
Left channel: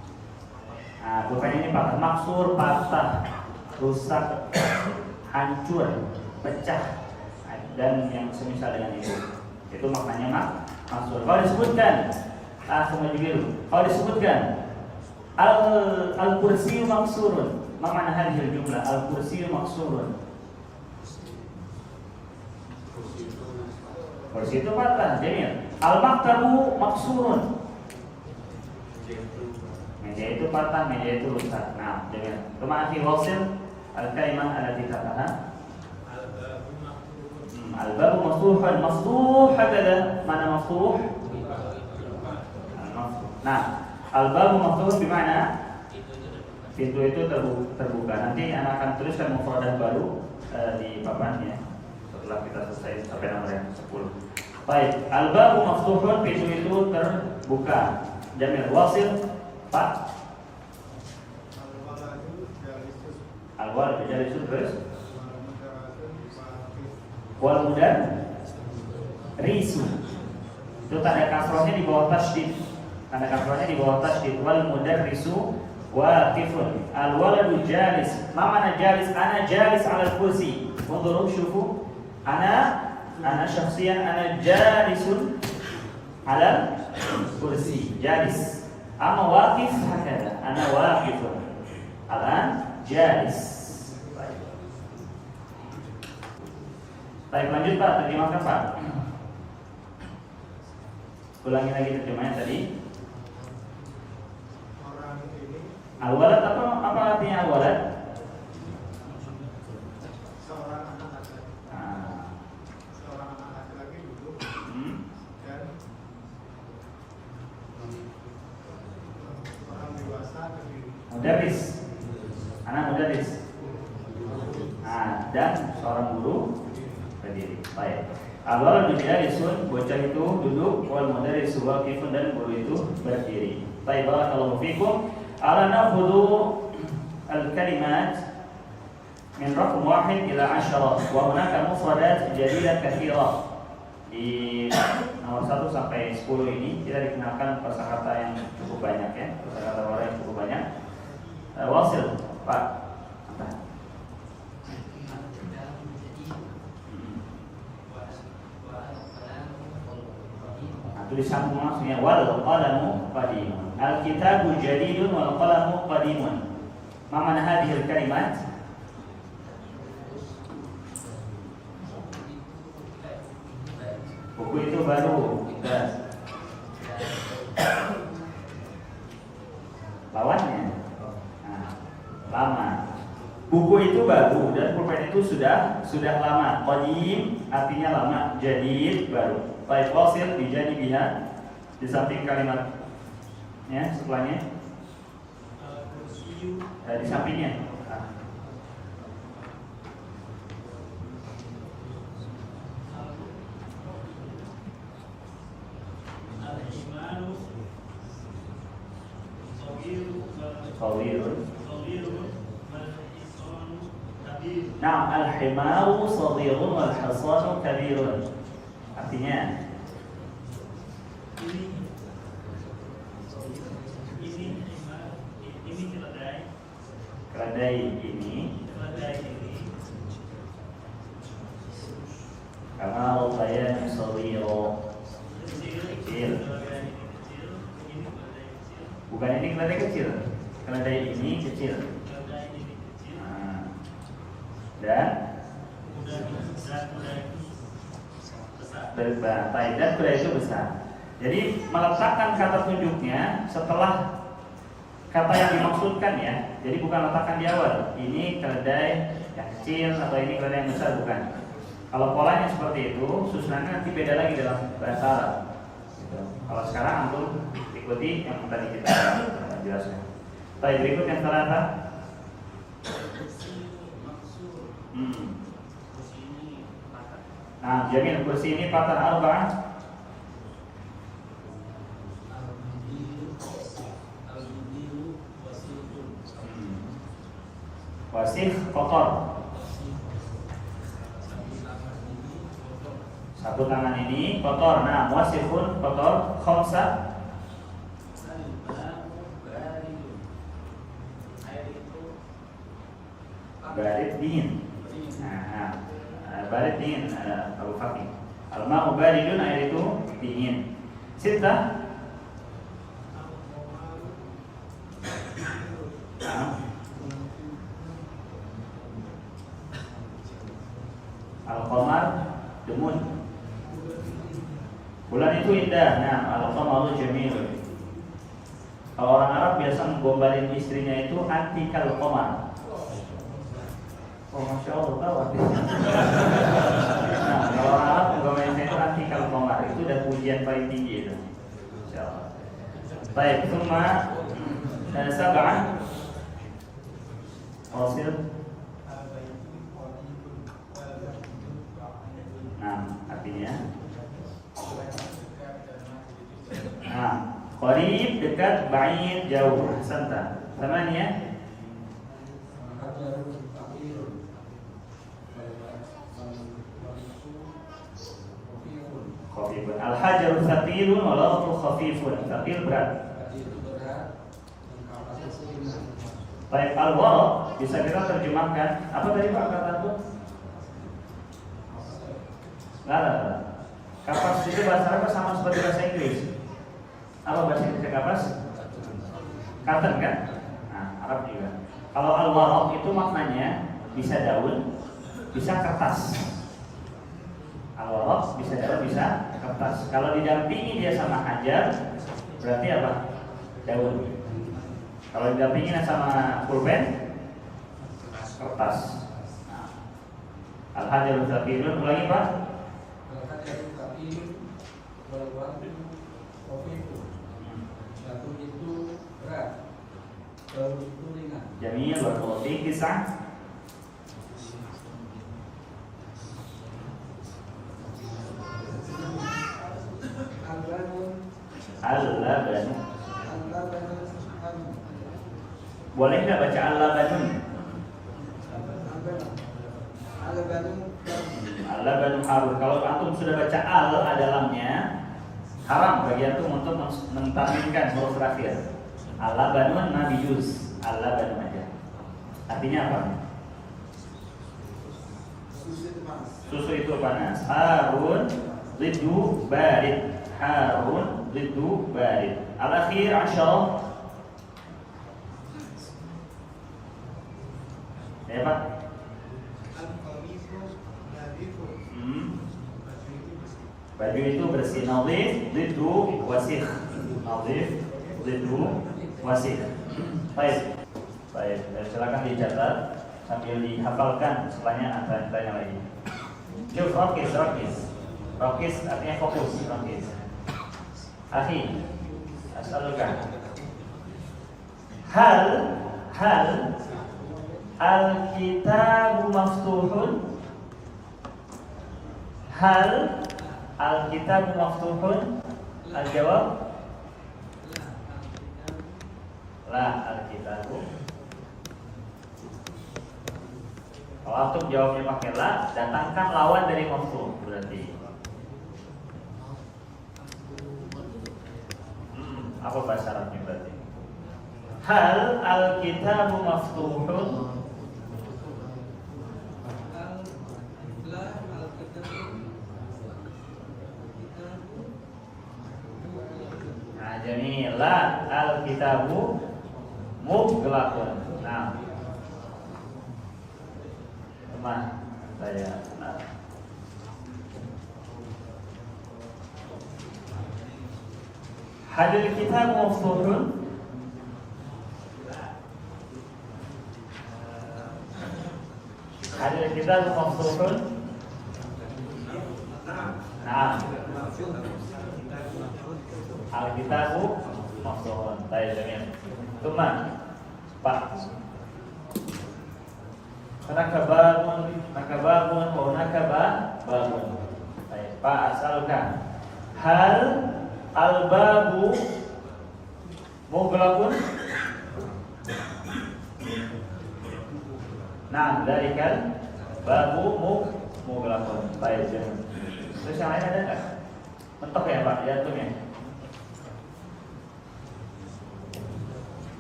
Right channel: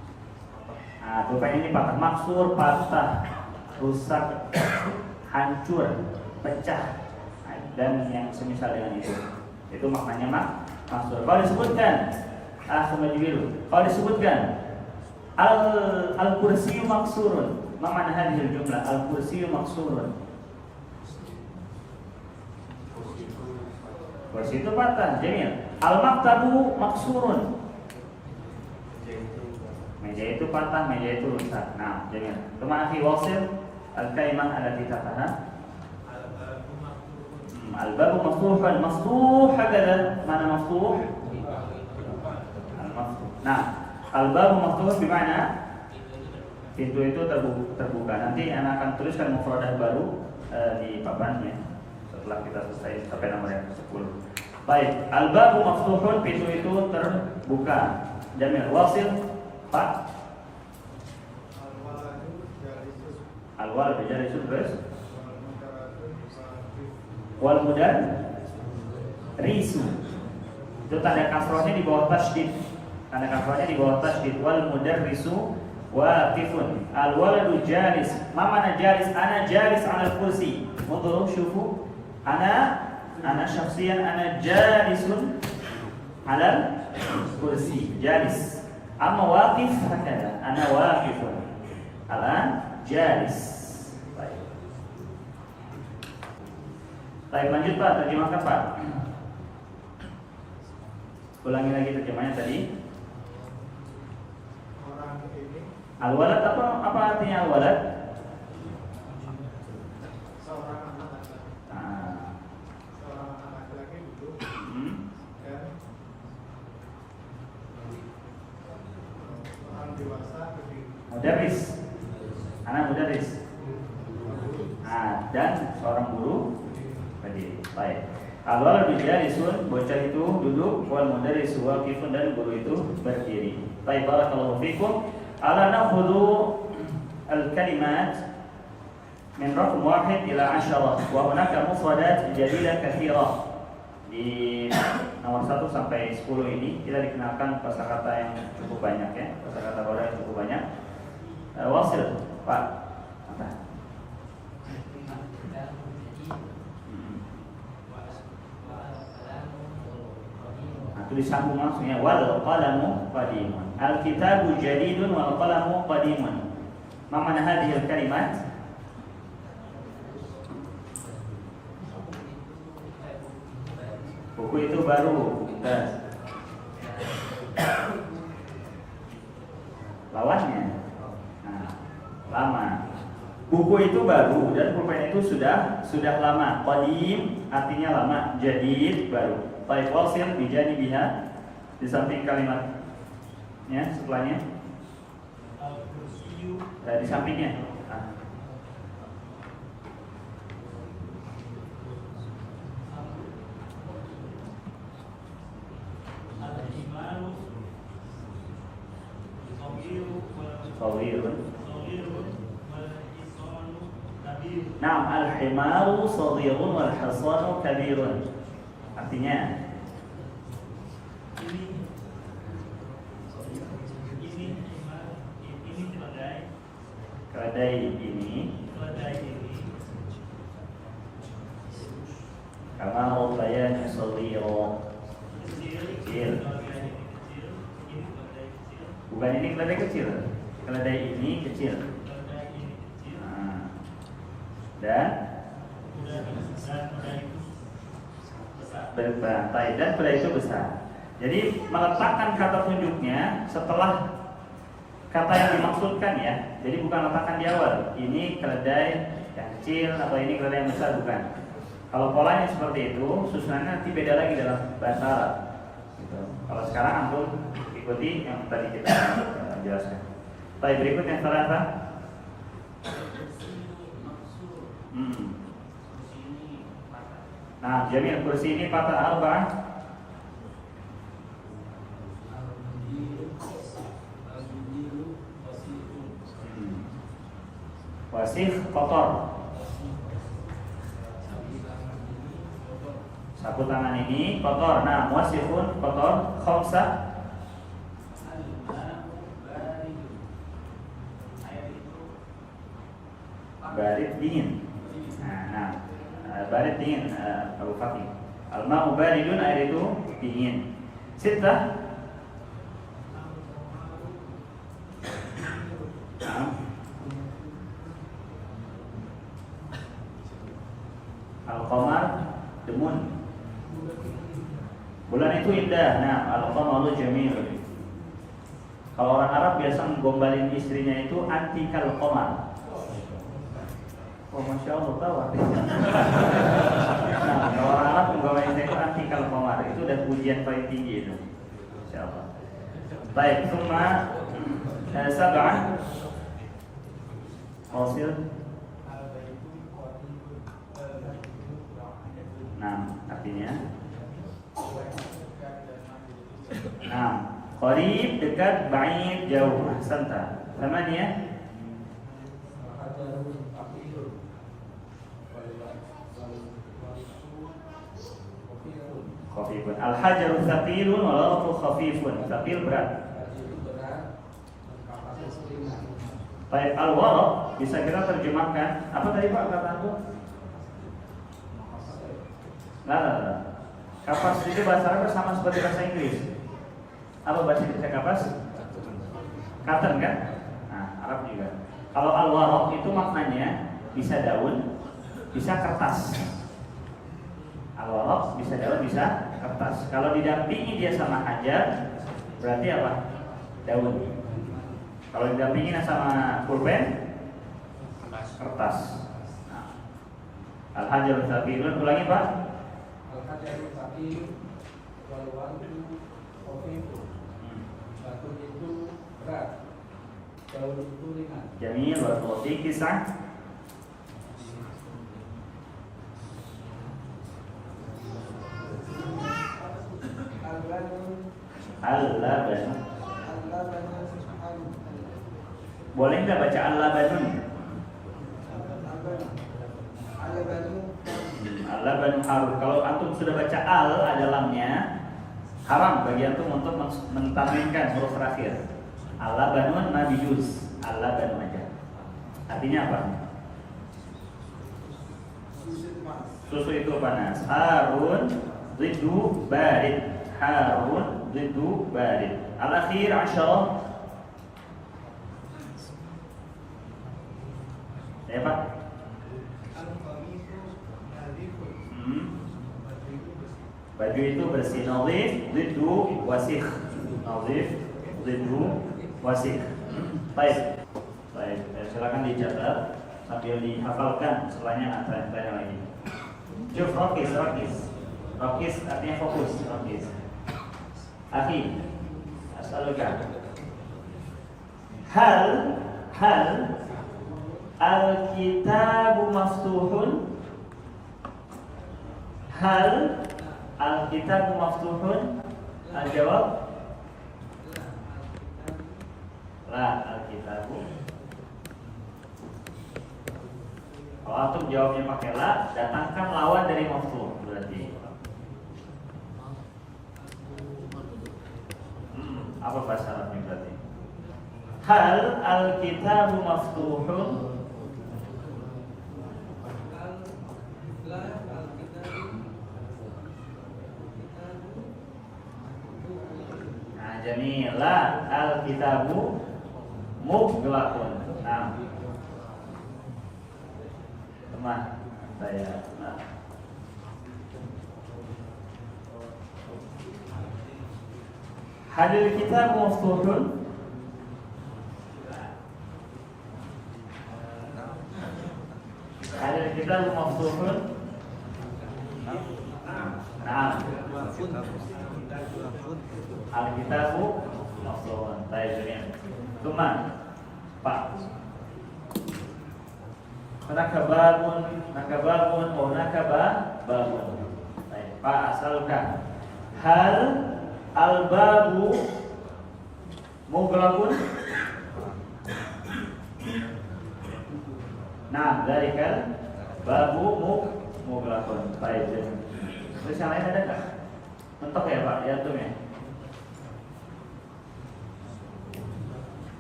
Nah, pulpen ini patah, maksur, patah, rusak, hancur, pecah, dan yang semisal dengan itu. Itu maknanya maksur. Kalau disebutkan, kalau disebutkan al-kursiyu maksurun, mana hadhil jumlah al-kursiyu maksurun? Kursi itu patah, jamil. Al-maktabu maksurun. Meja itu patah, meja itu rusak. Nah, jamil. Kemana wasil al-kalimah allati taqaha? Al-babu maftuhan, maftuh hakada. Mana maftuh? Al-maftuh. Nah, al-babu maftuh bimana? Pintu itu terbuka. Nanti anak akan tuliskan mufradah baru di papannya setelah kita selesai sampai nomor yang 10. Baik, al-babu maftuhun, pintu itu terbuka. Jamil. Wasil Pak. Al-walad jalisun terus. Wal mudar risu. Itu tanda kasrohnya di bawah tasydid. Tanda kasrohnya di bawah tasydid. Wal mudar risu waqifun. Al waladu jalis. Ma mana jalis? Ana jalis ala kursi. Unzuru syufu. Ana syakhsiyan ana jalisun ala kursi. Jalis. Amma waqif hakada. Ana waqifun. Al-an jalis. Baik, lanjut Pak, terjemahkan Pak. Ulangi lagi terjemahnya tadi. Al-walad apa artinya al-walad? Seorang anak seorang anak laki-laki duduk dan mudaris. Anak mudaris. Dan seorang guru berdiri. Baik. Al-waladu jalisun, bocah itu duduk, wal mudarrisu waqifun, dan guru itu berdiri. Baik, barakallahu fikum. Ala na'khudhu al-kalimat min raqam 1 ila 10 wa hunaka mufradat jadidah katsirah. Di nomor 1 sampai 10 ini kita dikenakan kosakata yang cukup banyak ya, kosakata baru yang cukup banyak. Wasil, Pak. Tulis sambung maksudnya wal qalamu qadimun. Al-kitabu jadidun wal qalamu qadimun. Ma mana hadhihi al-kalimat? Buku itu baru. Lawannya lama. Buku itu baru dan pulpen itu sudah lama. Qadim artinya lama, jadid baru. Baik, wasil dijadi biha di samping kalimat ya setelahnya di sampingnya Nah, al-himaru saghirun wal hasanu kabirun. Artinya keledai ini kalau saya saghiro kecil. Bukan ini keledai kecil. Keledai ini kecil. Dan berantai dan kuda itu besar. Jadi meletakkan kata tunjuknya setelah kata yang dimaksudkan ya. Jadi bukan letakkan di awal. Ini keledai yang kecil atau ini keledai yang besar, bukan. Kalau polanya seperti itu, susunannya nanti beda lagi dalam bahasa Arab. Gitu. Kalau sekarang antum ikuti yang tadi kita jelaskan. Baik, berikut yang terakhir. Nah, Jamil, kursi ini patah apa? Wasif kotor. Satu tangan ini kotor. Nah, wasifun kotor. Khamsa barid dingin. Barid dingin, Abu Fakih. Al-ma'u baridun, air itu dingin. Sita Al-qamar demun. Bulan itu indah. Nah, al-qamaru jamil. Kalau orang Arab biasa menggombalin istrinya itu antikal qamar. Oh, Masya Allah, tahu artinya. Nah, kalau orang Arab menggombalin itu antikal qamar. Itu udah pujian paling tinggi itu. Insya Allah. Baik, summa sab'an wasil. Nah, artinya qarib dekat, ba'id jauh. Ahsanta. Thamaniya khafifun. Al-hajaru thaqilun wal ardu khafifun. Thaqil berat. Baik, al-waraq bisa kita terjemahkan. Apa tadi Pak kata itu? Nah. Kapas itu bahasa Arab sama seperti bahasa Inggris. Apa bahasa Inggris kapas? Cotton kan? Nah, Arab juga. Kalau al-waraq itu maknanya bisa daun, bisa kertas. Al-waraq bisa daun, bisa kertas. Kalau didampingi dia sama hajar, berarti apa? Daun. Kalau didampingi sama pulpen, kertas. Nah. Al-hajarul thaqilun, ulangi Pak. Daun itu ringan. Jamil, barakallahu fiik. Kisah. Al-Laban. Boleh nggak baca Al-Labanun? Al-Labanun harum. Kalau antum sudah baca al ada lamnya, haram bagi antum untuk mentamimkan huruf terakhir. Al-Labanun nabiyus. Al-Labanun aja. Artinya apa? Susu itu panas. Harun riddu barid. Harun riddu barid. Al-akhir asyarah. Ya Pak? Baju itu bersih. Nadhif riddu wasikh. Nadhif riddu wasikh. Baik. Baik, silakan dicatat sambil dihafalkan setelahnya akan tanya lagi. Syuf, Rakis artinya fokus, rakis. Akhi, asaluka. Hal al-kitabu maftuhun? Hal al-kitabu maftuhun? Al-jawab? La al-kitabu. Kalau antum jawabnya pakai la, datangkan lawan dari maftuh berarti. Apa bahasa Arabnya berarti? Hal al-kitabu maftuhun? Nah, jamil. La al-kitabu mughlaqun. Nah. Saya hadil kitab maftuhun? Hadil kitab maftuhun? Nah, al-kitabu maftuhun. Baik, demikian. Tunggu, Pak. Hunaka babun wa hunaka babun. Baik, Pak asalkan. Hal al-babu mughlaqun? Nah, dari kan babu mughlaqun. Baik. Terus yang lain ada enggak? Mentok ya, Pak? Ya, tuh ya.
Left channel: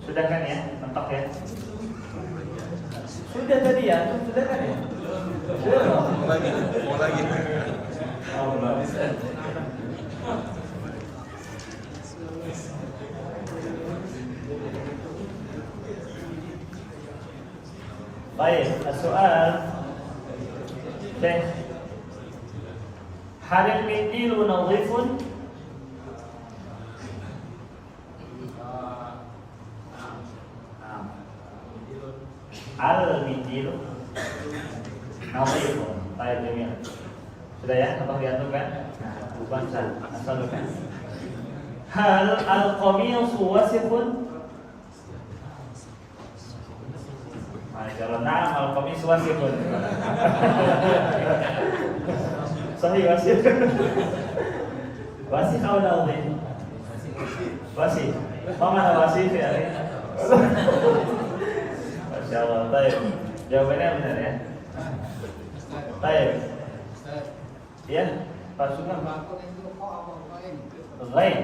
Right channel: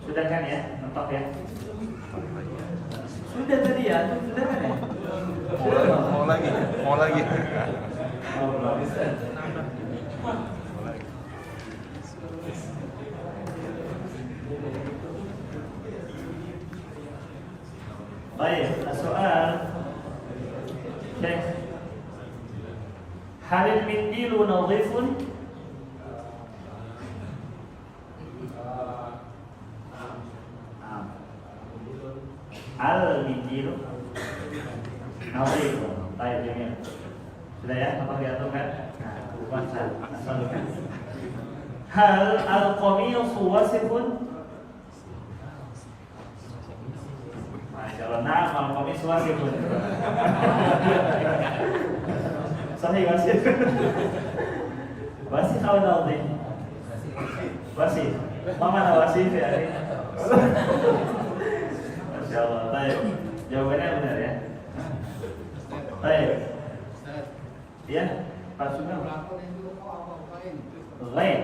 Sudah kan ya? Mentok ya? Sudah tadi ya, sudah kan ya? Sudah dong. Mau lagi. Oh, belum bisa. Baik, soal Syekh. Halil mindilu nadhifun? Al-minjil nadhif. Baik, jamil. Sudah ya, apa diatur kan? Bukan asal kan. Hal al-qamisu wasifun? Kalau na'am al-qamisu wasifun. Sahih wasif. Wasif atau nadhif? Wasif. Mana wasif ya? Insyaallah, baik. Jawabannya benar ya. Baik. Ya, Pak Sugeng. Lain.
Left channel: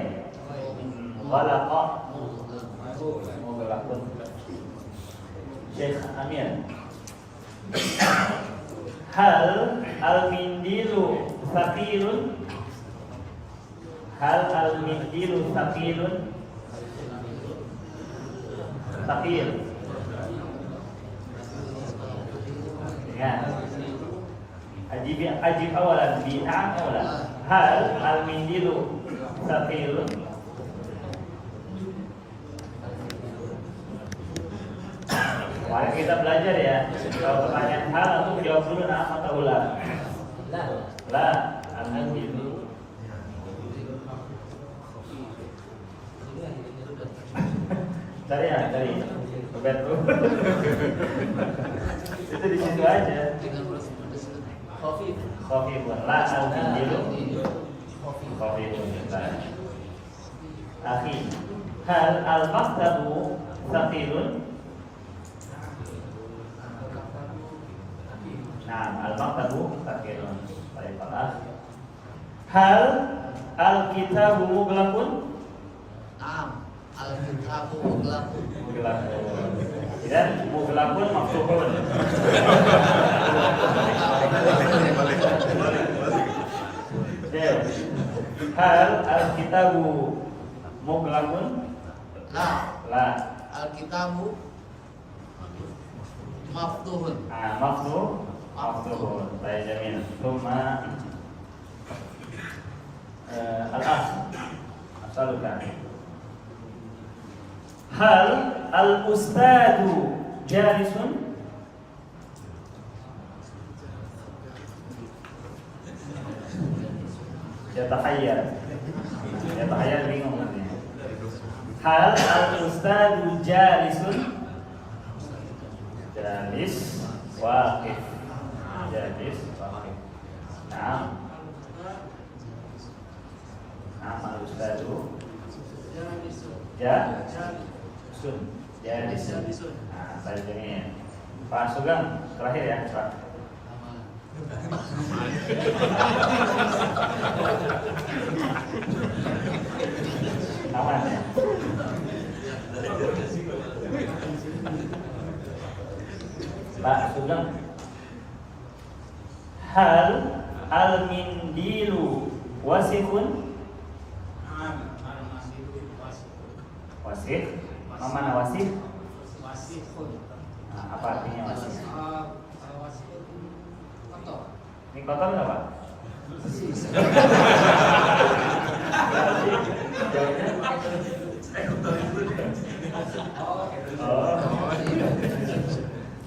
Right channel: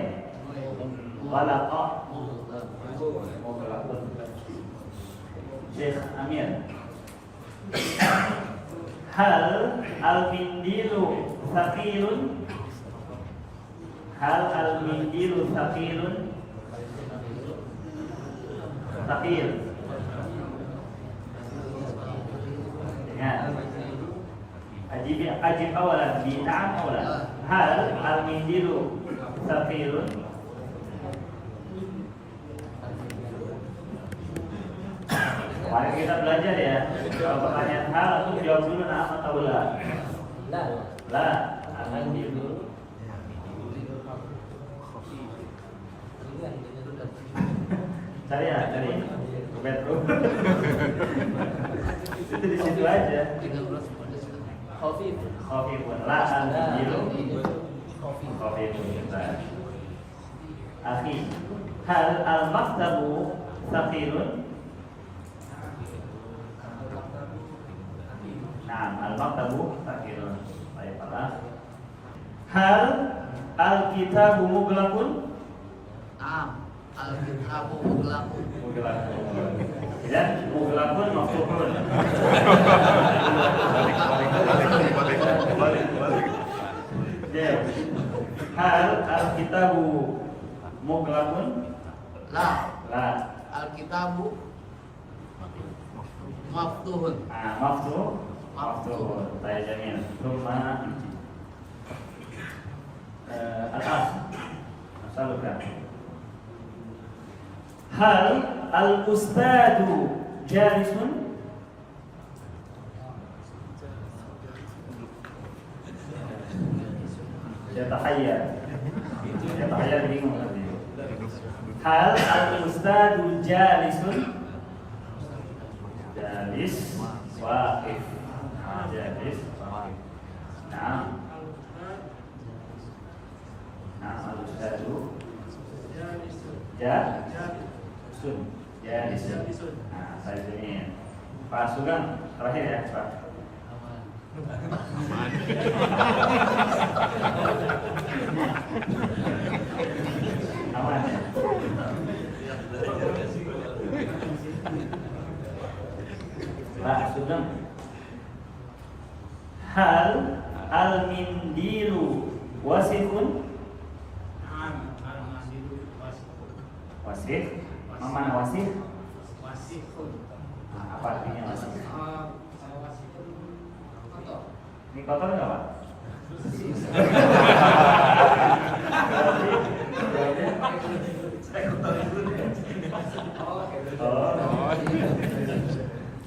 Khalaqa. Mughlaqun. Syekh Amir. Hal al-mindilu thaqilun? Hal al-mindilu thaqilun? Thaqil. Ya. Ajib awalan bina'am awalan. Hal al-mindilu thaqilun? Mari kita belajar ya. Kalau pertanyaan hal itu jawab dulu na'am atau la. La. Al-mindilu. Cari ya, cari. ke bedroom. Itu di situ aja. Dengan pedes. Khafifun la al-injilu khafifun. Akhi, hal al-maktabu thaqilun? Nah, al-maktabu thaqilun. Baiklah. Hal al-kitabu mughlaqun? Al-kitabu mughlaqun. Mughlaqun. Dan mughlaqun maftuhun. Hal al-kitabu mughlaqun? La. La. Al-kitabu maftuhun. Maftuhun. Baik, jamil. Thumma asaluka. Hal al-ustadu jalisun? Yatahayyar bingung nanti. Hal al-ustadu jalisun? Jalis waqif. Jalis waqif. Nah, al-ustadu jalisun. Nah, saya ini Pak Sugeng terakhir ya, Pak. Aman ya? Pak Sugeng. Hal al-mindilu wasifun? Wasif? Mana wasif? Wasifun. Apa artinya wasif? Wasifun kotor. Ini kotor nggak, Pak?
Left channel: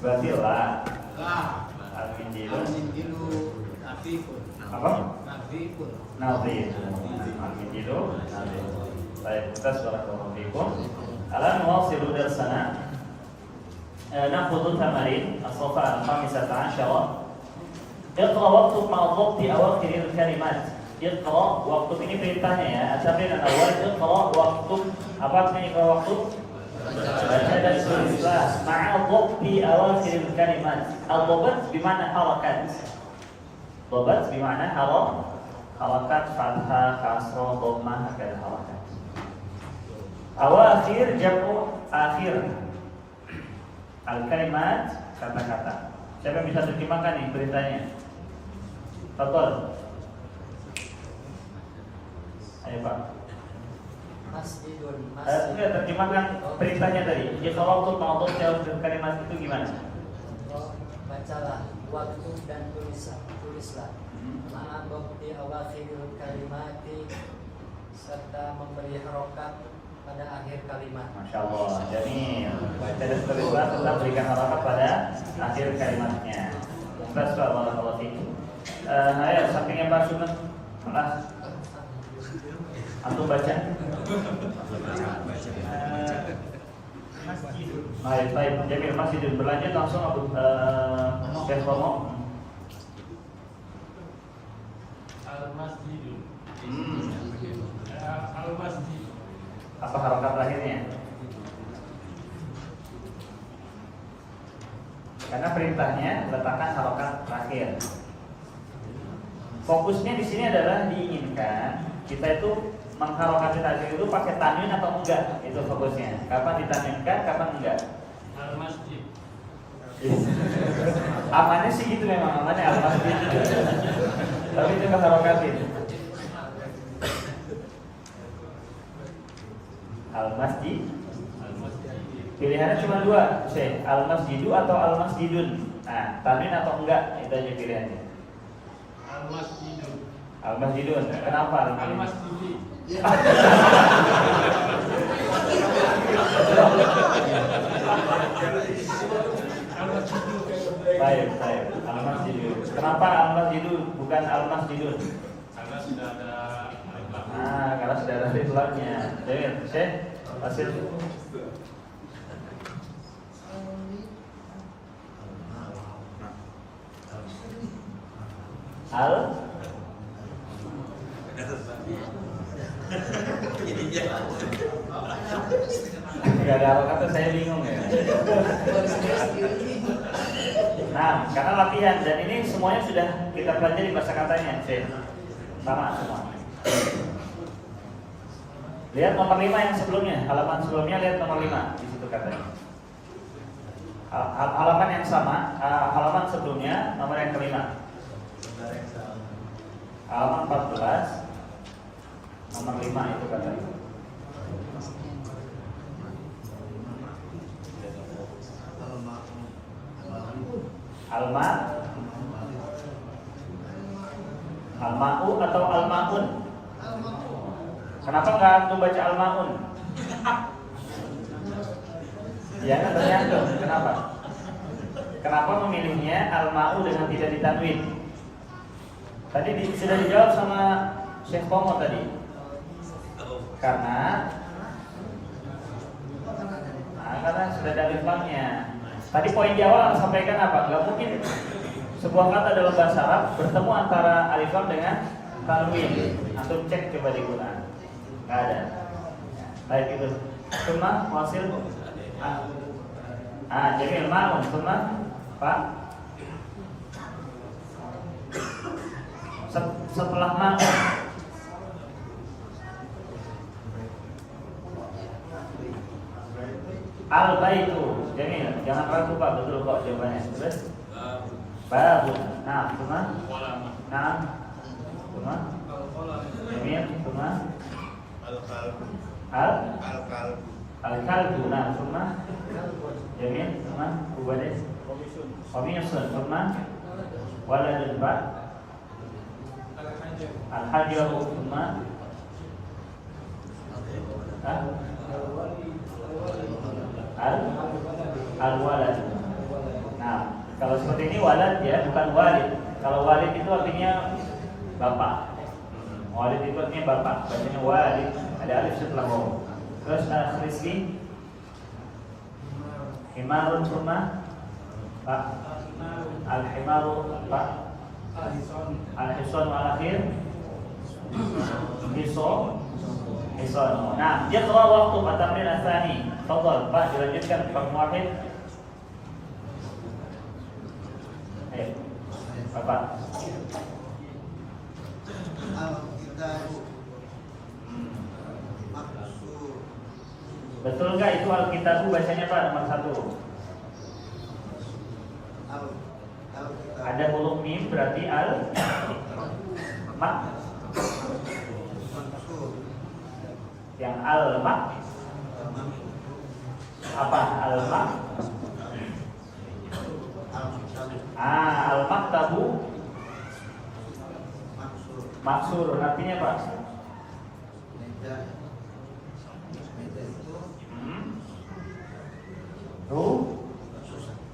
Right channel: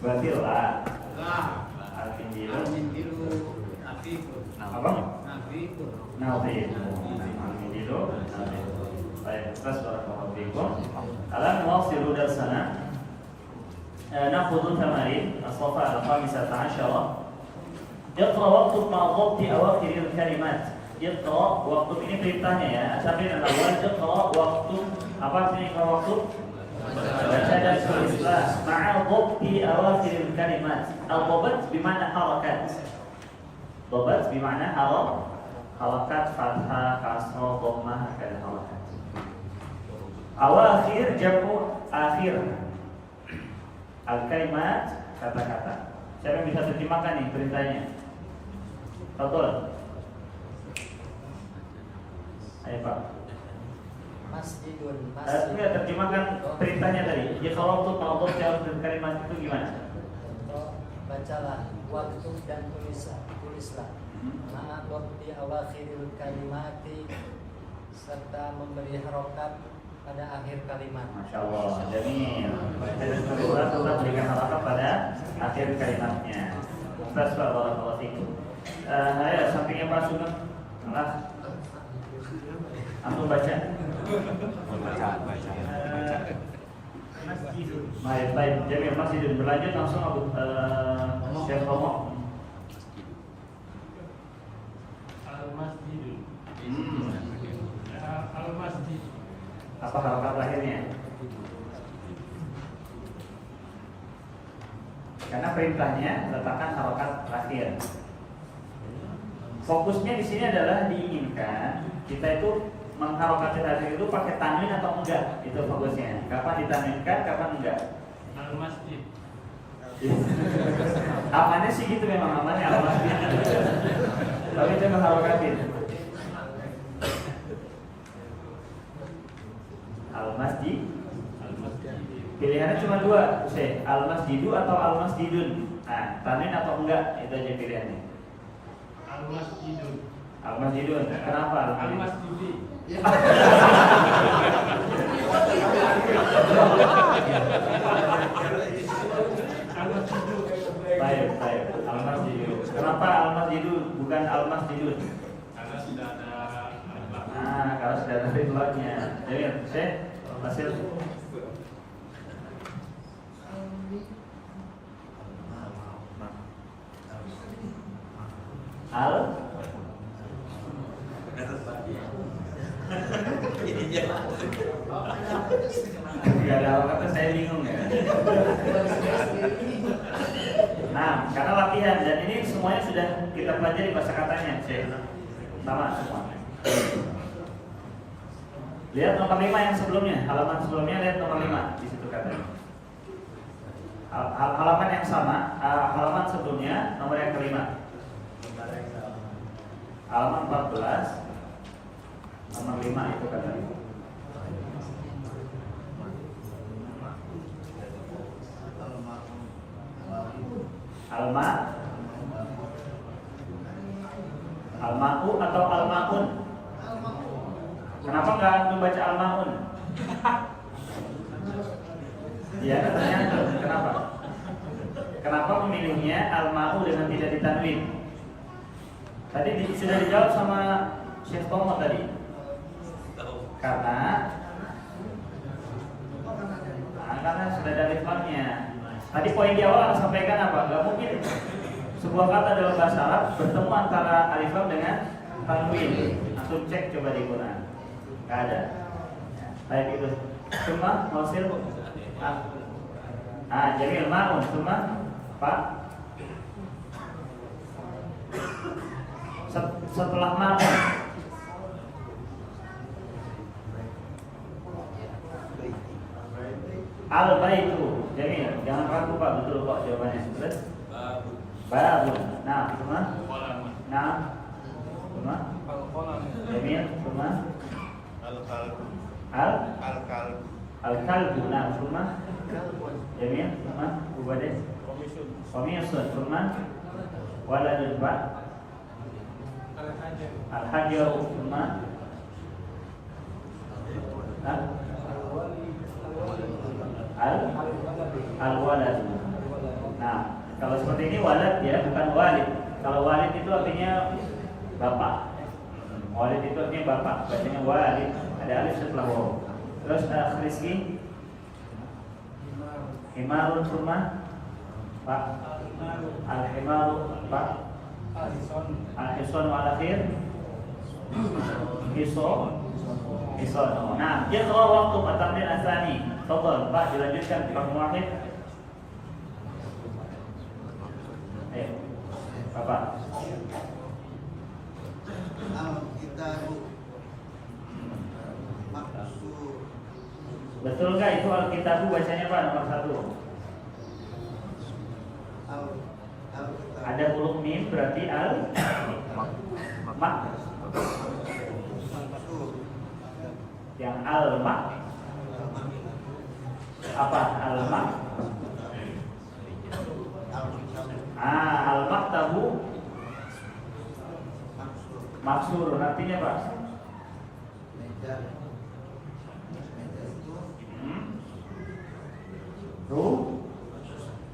Berarti lah. Al-mindilu. Apa? Nadhif. Al-mindilu nadhif. Baik, kita barakallahu fikum. Alam nuwasilu darsana. Na'khudhu tamarin as-safa al-khamisata 'ashara. Iqra waktub ma'a dhabti awakhir al-kalimat. Iqra waktub ini perintahnya ya. Asabil al-awwal iqra waktub. Apa artinya iqra waktub? Baca dan tulislah ma'a dhabti awakhir al-kalimat. Al-dhabt bima'na harakat. Dhabt bima'na harakat, fathah, kasrah, dhammah, dan harakat. Awakhir jamu akhir. Al-kalimat kata-kata. Siapa yang bisa terjemahkan nih beritanya? Betul. Ayo Pak. Masjidun. Enggak terjemahkan perintahnya tadi. Iqra tu ma'dud jawab kalimat itu gimana? Bacalah waktu dan tulislah. Ma'ad waktu awakhirul kalimati serta memberi harokat pada akhir kalimat. Masya Allah. Jamil. Baca dan tulislah tetap berikan harokat pada akhir kalimatnya. Barakallahu fikum. Ayo sampingnya Pak Sugeng. Malah antum baca. Baik, Jamil Masjidun. Berlanjut langsung Abu Syekh Romo. Al-Masjidun. Al-Masjid. Apa harokat terakhirnya? Karena perintahnya letakkan harokat terakhir. Fokusnya di sini adalah diinginkan kita itu mengharokatkan terakhir itu pakai tanwin atau enggak, itu fokusnya. Kapan ditanwinkan, kapan enggak? Al-Masjid. Amannya sih gitu memang, amannya al-masjid. Tapi coba harokatin. Al-masjid. Pilihannya cuma dua, Syekh. Al-masjidu atau al-masjidun. Nah, tanwin atau enggak, itu aja pilihannya. Al-Masjidun. Al-masjidun. Kenapa? Al-Masjidi. Baik. Al-masjidu. Kenapa al-masjidu bukan al-masjidun? Karena sudah ada Karena sudah ada ritualnya. Jadi, Syekh, hasil Al Ya kalau kata saya bingung ya. Nah, kata latihan dan ini semuanya sudah kita pelajari kosakatanya, sama semua. Lihat nomor 5 yang sebelumnya, halaman sebelumnya lihat nomor 5 di situ katanya. Halaman yang sama, halaman sebelumnya nomor yang kelima. Halaman 14 nomor 5 itu katanya. Alma'u atau alma'un? Kenapa nggak antum baca alma'un? Ya kan tergantung. Kenapa? Kenapa memilihnya alma'u dengan tidak ditanwin? Tadi sudah dijawab sama Syekh Tomo tadi. Karena sudah ada ritmanya. Tadi poin di awal sampaikan apa? Gak mungkin sebuah kata dalam bahasa Arab bertemu antara alif lam dengan tanwin. Antum cek coba di Quran. Gak ada. Baik itu. Cuma wasil. Jamil ma'un. Cuma Pak. Setelah ma'un. Al-baitu. Jamil, jangan ragu Pak, betul kok jawabannya. Betul? Babun. Nah, cuma. Nah, cuma. Jamil, cuma. Al-kalbu. Nah, cuma. Jamil, cuma. Ubades. Komisun, cuma. Waladun Pak. Al-hajaru, cuma. Al-walad. Nah, kalau seperti ini walad ya, bukan walid. Kalau walid itu artinya bapak. Walid itu artinya bapak. Artinya walid. Ada alif setelah waw. Terus Rizki. Himarun rumah. Pak. Al-himaru Pak. Al-hisan wal-akhir. Hison. Nah, dia keluar waktu At-Tamrin Asani. Tafadhal, Pak, dilanjutkan Pak Muwahhid. Ayo. Apa? Betul enggak itu Alkitabu biasanya Pak nomor 1? Ada huruf mim berarti mak. Yang al-mak apa? Al-mak al-maktabu maksur artinya Pak?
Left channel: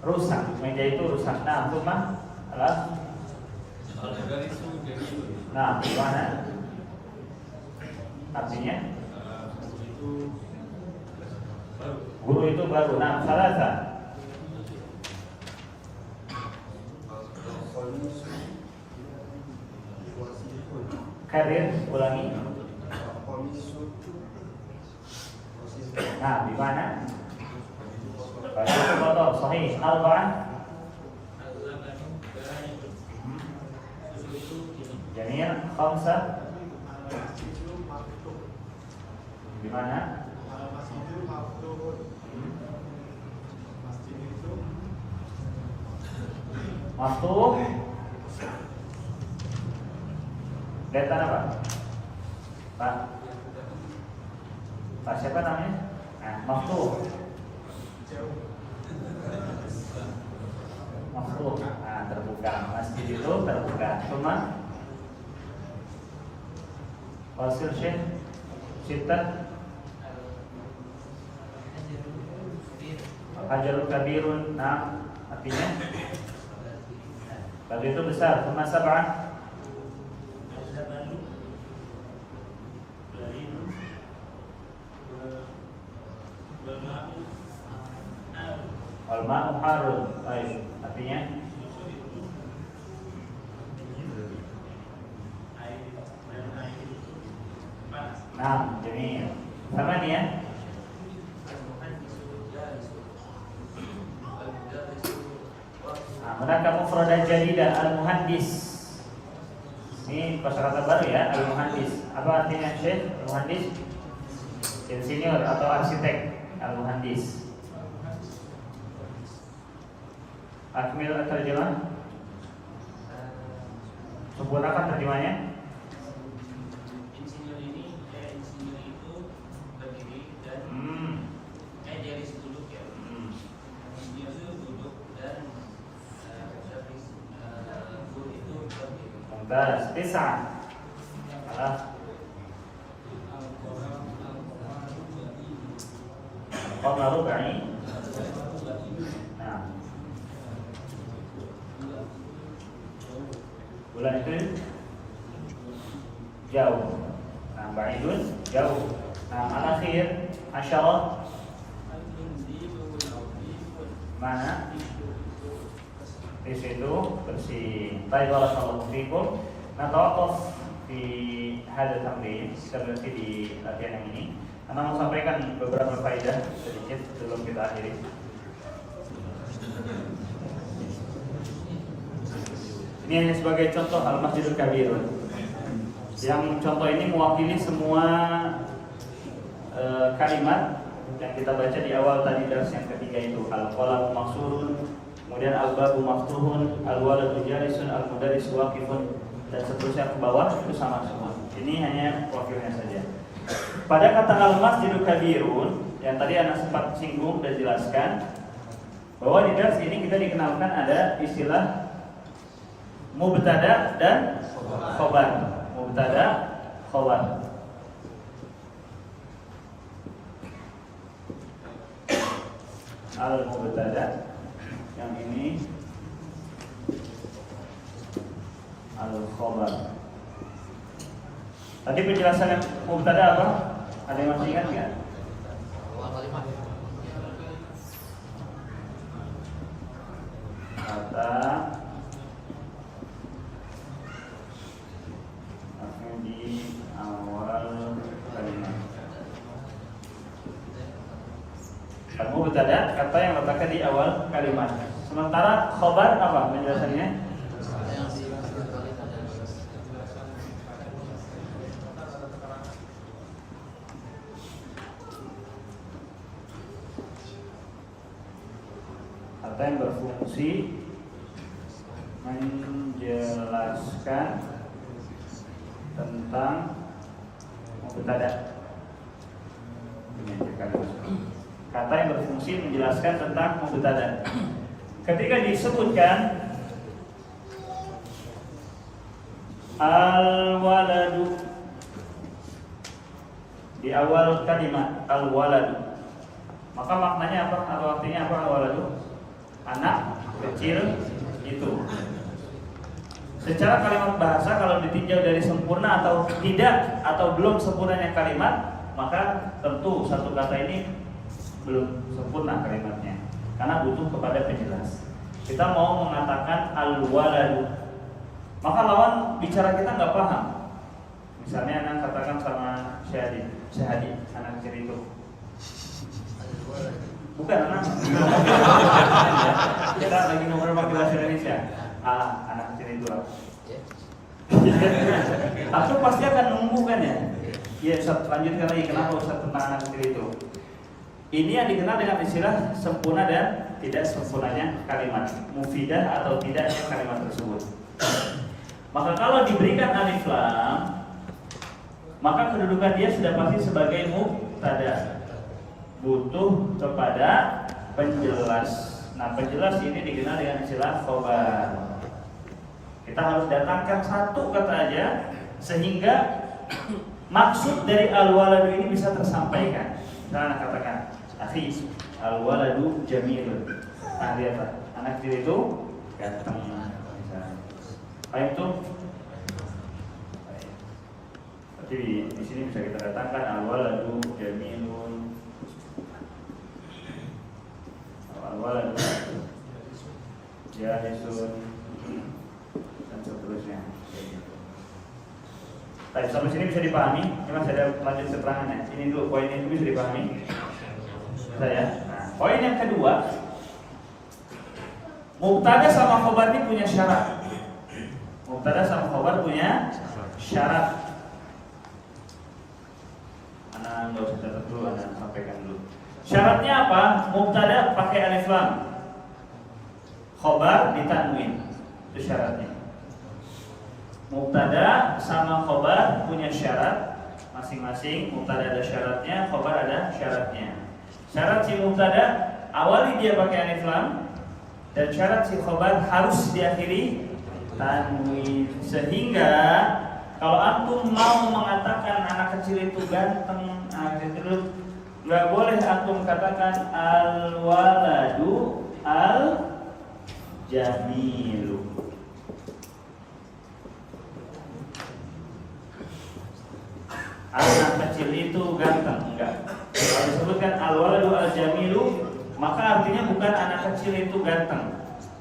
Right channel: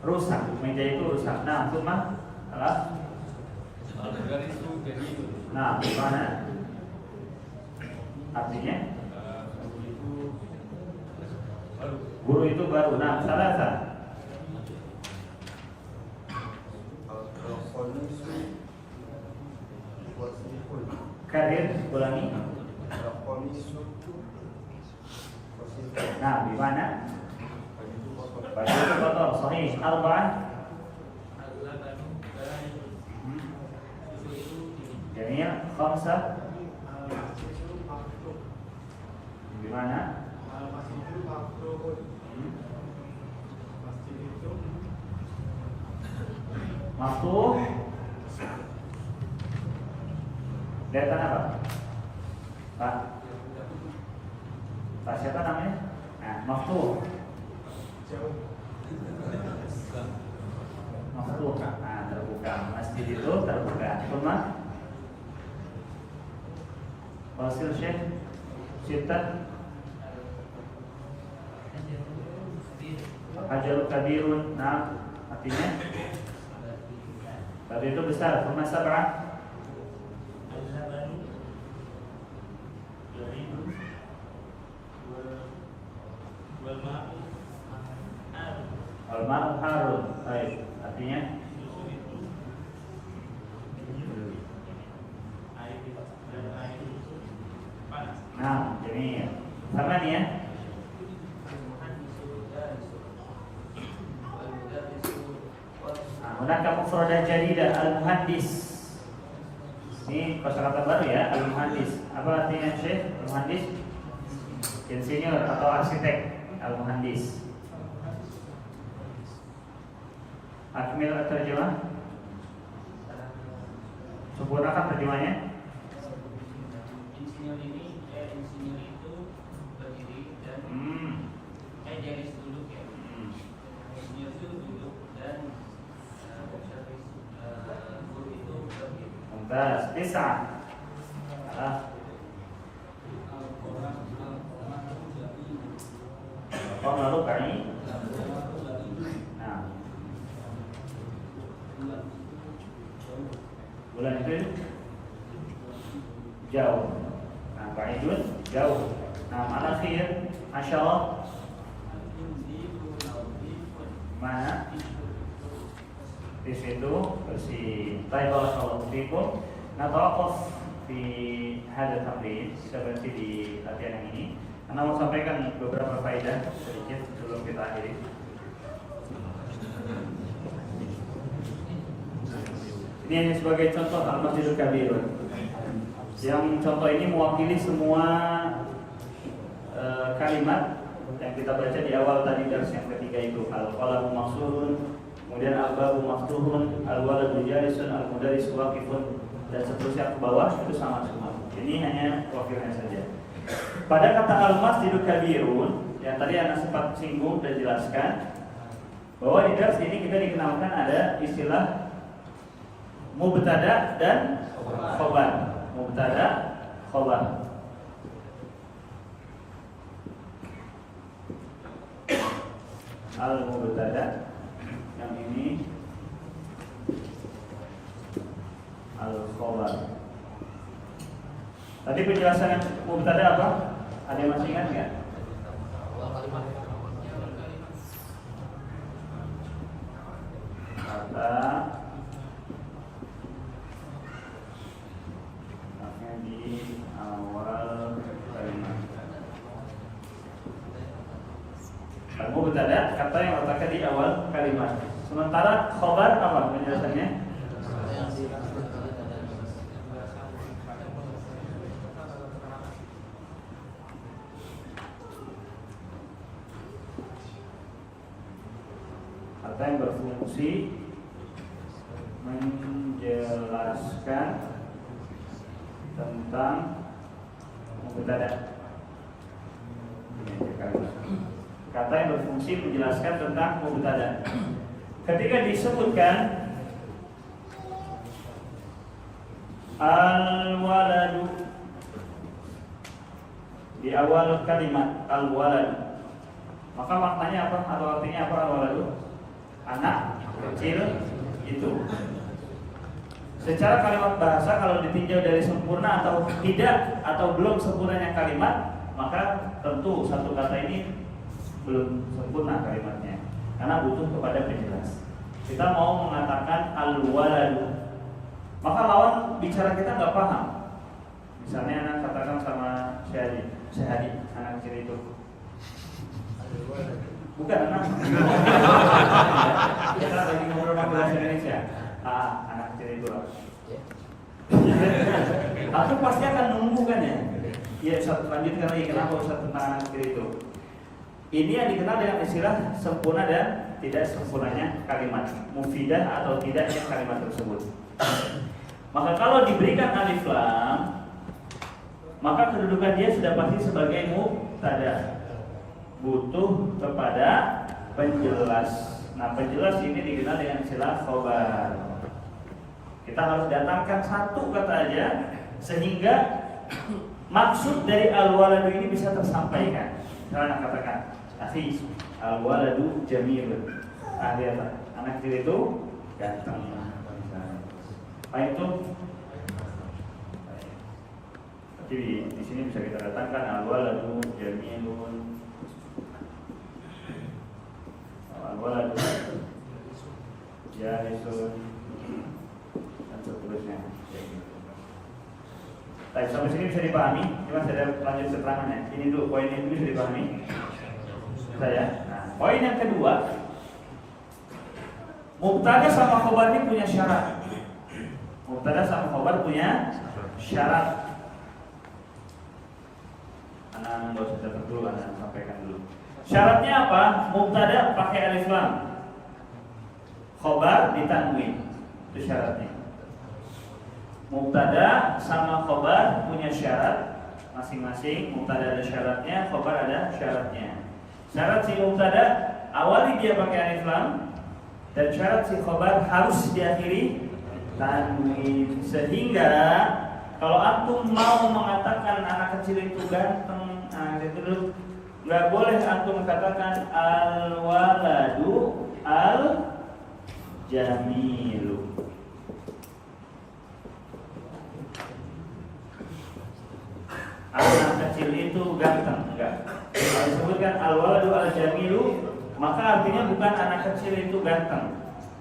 Rusak. Meja itu rusak. Nah, itu mah alas. Nah, gimana? Artinya guru itu baru. Nah, salasa. Karir, ulangi. Nah, di mana? Baju kotor, sahih. Al-Quran. Jamil, khamsa. Di mana? Maftuh. Kelihatan apa? Pak. Pak siapa namanya? Nah, maftuh. Maftuh. Nah, terbuka. Masjid itu terbuka. Rumah. Hasil Syekh Sitat Hajarul Kabirun. Nah, artinya batu itu besar. Rumah sab'ah. Al-ma'u harun. Baik, artinya Hunaka mufradah jadidah al-muhandis. Ini kosakata baru ya, al-muhandis. Apa artinya Syekh? Al-muhandis insinyur atau arsitek. Al-muhandis. Akmil terjemah. Sempurnakan terjemahnya. Insinyur ini, insinyur itu berdiri dan dari duduk ya. Insinyur itu duduk dan guru itu berdiri. Mumtaz. Tis'ah. Salah. Qabla rub'i. Nah. Bulan itu jauh. Nah, ba'idun jauh. Nah, al-akhir asyarah mana? Di situ bersih. Baik, barakallahu fiikum. Natawaqaf fi hadha tamrin. Kita berhenti di latihan yang ini. Karena mau sampaikan beberapa faedah sedikit sebelum kita akhiri. Ini hanya sebagai contoh Al-Masjidul Kabir. Yang contoh ini mewakili semua kalimat yang kita baca di awal tadi dars yang ketiga itu. Al-qalamu maksurun, kemudian al-babu maftuhun, al-waladu jalisun, al-mudarrisu waqifun, dan seterusnya ke bawah itu sama semua. Ini hanya wakilnya saja. Pada kata Al-Masjidul Kabirun yang tadi Anda sempat singgung dan jelaskan bahwa di dars ini kita dikenalkan ada istilah mubtada dan khobar. Mubtada, khobar. Al-mubtada yang ini al-khobar. Tadi penjelasan yang mubtada apa? Ada yang masih ingat nggak? Kata di awal kalimat. Kalau mubtada kata yang letakkan di awal kalimat. Sementara khobar apa penjelasannya? Kata yang berfungsi menjelaskan tentang mubtada. Kata yang berfungsi menjelaskan tentang mubtada. Ketika disebutkan al-waladu di awal kalimat al-waladu, maka maknanya apa atau artinya apa al-waladu? Anak kecil itu. Secara kalimat bahasa kalau ditinjau dari sempurna atau tidak atau belum sempurnanya kalimat, maka tentu satu kata ini belum sempurna kalimatnya karena butuh kepada penjelas. Kita mau mengatakan al-waladu, maka lawan bicara kita nggak paham. Misalnya anak katakan sama Syahadi, anak kecil itu. Bukan anak. Kita lagi nomor bahasa Indonesia. Anak kecil itu lah. Aku pasti akan nunggu kan ya. Ya, lanjutkan lagi kenapa Ustaz tentang anak kecil itu. Ini yang dikenal dengan istilah sempurna dan tidak sempurnanya kalimat, mufidah atau tidaknya kalimat tersebut. Maka kalau diberikan alif lam, maka kedudukan dia sudah pasti sebagai mubtada. Butuh kepada penjelas. Nah, penjelas ini dikenal dengan istilah khobar. Kita harus datangkan satu kata aja sehingga maksud dari al-waladu ini bisa tersampaikan. Misalnya katakan, akhi, al-waladu jamilun. Nah, lihat Pak, anak kecil itu ganteng. Apa itu? Jadi di sini bisa kita datangkan al-waladu jamilun. Al-waladu jalisun dan seterusnya. Tadi sampai sini bisa dipahami? Ini masih ada lanjut keterangannya. Ini dulu poin ini bisa dipahami. Saya. Nah, poin yang kedua, Mubtada sama khobar ini punya syarat. Mubtada sama khobar punya syarat. Anda nggak usah catat dulu, Anda sampaikan dulu. Syaratnya apa? Mubtada pakai alif lam, khobar ditanwin. Itu syaratnya. Mubtada sama khobar punya syarat masing-masing. Mubtada ada syaratnya, khobar ada syaratnya. Syarat si mubtada awali dia pakai alif lam, dan syarat si khobar harus diakhiri tanwin. Sehingga kalau antum mau mengatakan anak kecil itu ganteng, itu nggak boleh antum katakan al-waladu al-jamilu. Anak kecil itu ganteng, enggak. Kalau disebutkan al-waladu al-jamilu, maka artinya bukan anak kecil itu ganteng.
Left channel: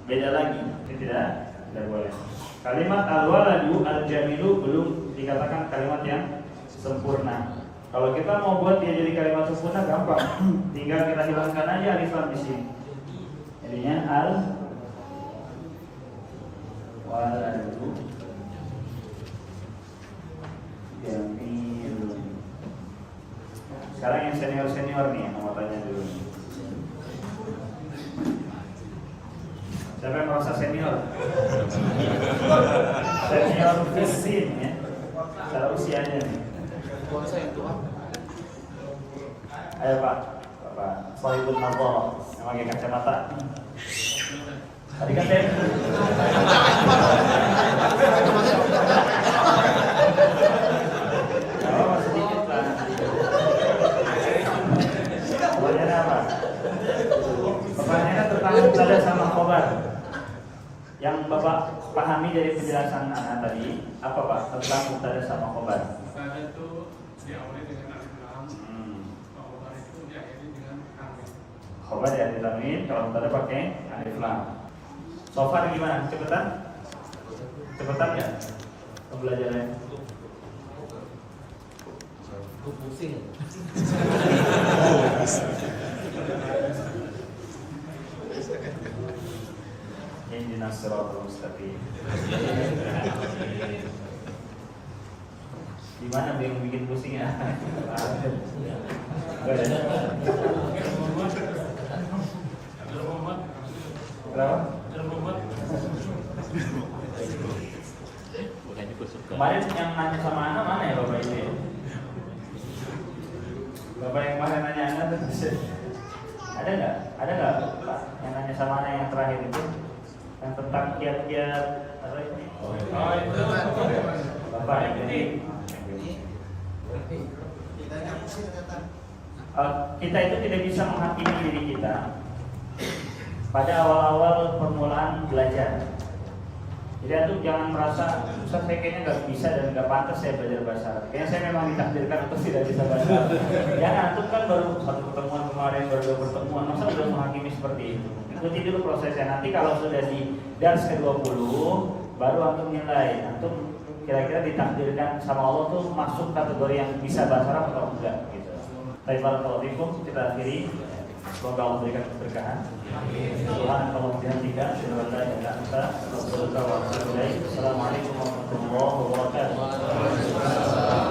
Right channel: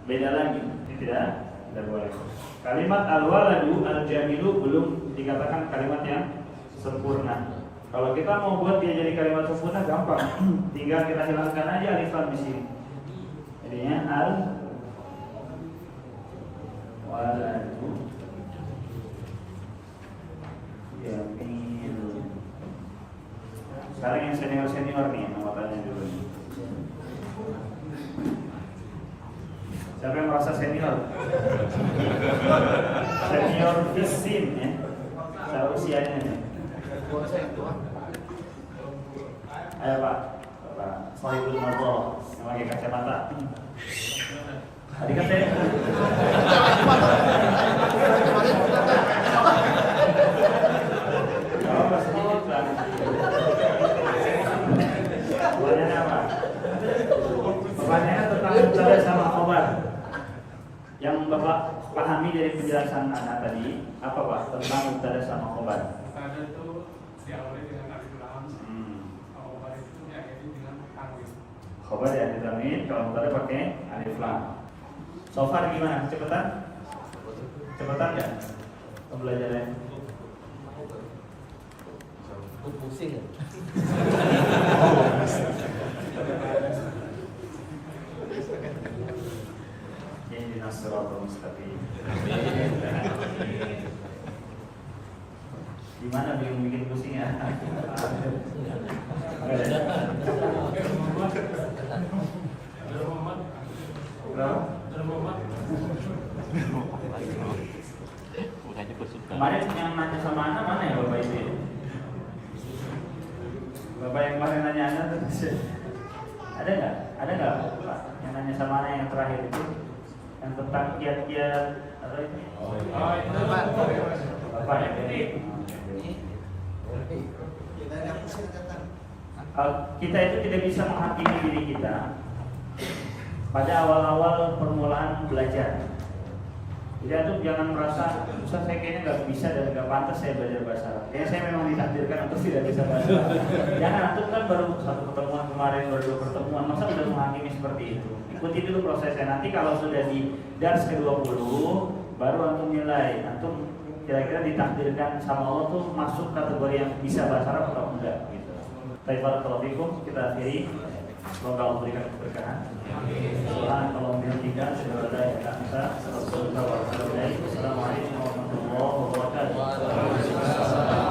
Beda lagi. Ini tidak boleh. Kalimat al-waladu al-jamilu belum dikatakan kalimat yang sempurna. Kalau kita mau buat dia jadi kalimat sempurna gampang. Tinggal kita hilangkan aja alif lam di sini. Jadinya al-waladu jamilu. Sekarang yang senior-senior nih, mau tanya dulu nih. Siapa yang merasa senior? Senior fisin ya, secara usianya nih. Ayo Pak, Pak Sohibul Nazar yang pakai kacamata. Tadi kan saya sedikit Pak. Pertanyaannya apa? Pertanyaannya tentang mubtada sama khobar. Yang Bapak pahami dari penjelasan anak tadi apa Pak tentang mubtada sama khobar? Mubtada itu diawali dengan alif lam, khobar itu diakhiri dengan tanwin. Khobar ya ditanwin, kalau mubtada pakai alif lam. Sofar gimana? Cepetan? Cepetan ya? Pembelajarannya? Pusing. Ihdinas siratal mustaqim. Gimana yang bikin pusing ya? Kemarin yang nanya sama anak mana ya Bapak itu? Bapak yang kemarin nanya anak ada nggak? Ada nggak Pak yang nanya sama anak yang terakhir itu? Yang tentang kiat-kiat ada ini? Bapak yang jadi kita itu tidak bisa menghakimi diri kita pada awal-awal permulaan belajar. Jadi antum jangan merasa Ustaz saya kayaknya nggak bisa dan nggak pantas saya belajar bahasa Arab. Kayaknya saya memang ditakdirkan untuk tidak bisa bahasa Arab. Jangan, antum kan baru satu pertemuan kemarin, baru dua pertemuan, masa udah menghakimi seperti itu. Ikuti dulu prosesnya. Nanti kalau sudah di dars ke-20 baru antum nilai antum kira-kira ditakdirkan sama Allah tuh masuk kategori yang bisa bahasa Arab atau enggak gitu. Baik, barakallahu fikum, kita akhiri. Semoga Allah berikan keberkahan. Subhanallah wa bihamdihi, asyhadu an la ilaha illa anta, astaghfiruka wa atubu ilaik. Assalamualaikum warahmatullahi wabarakatuh.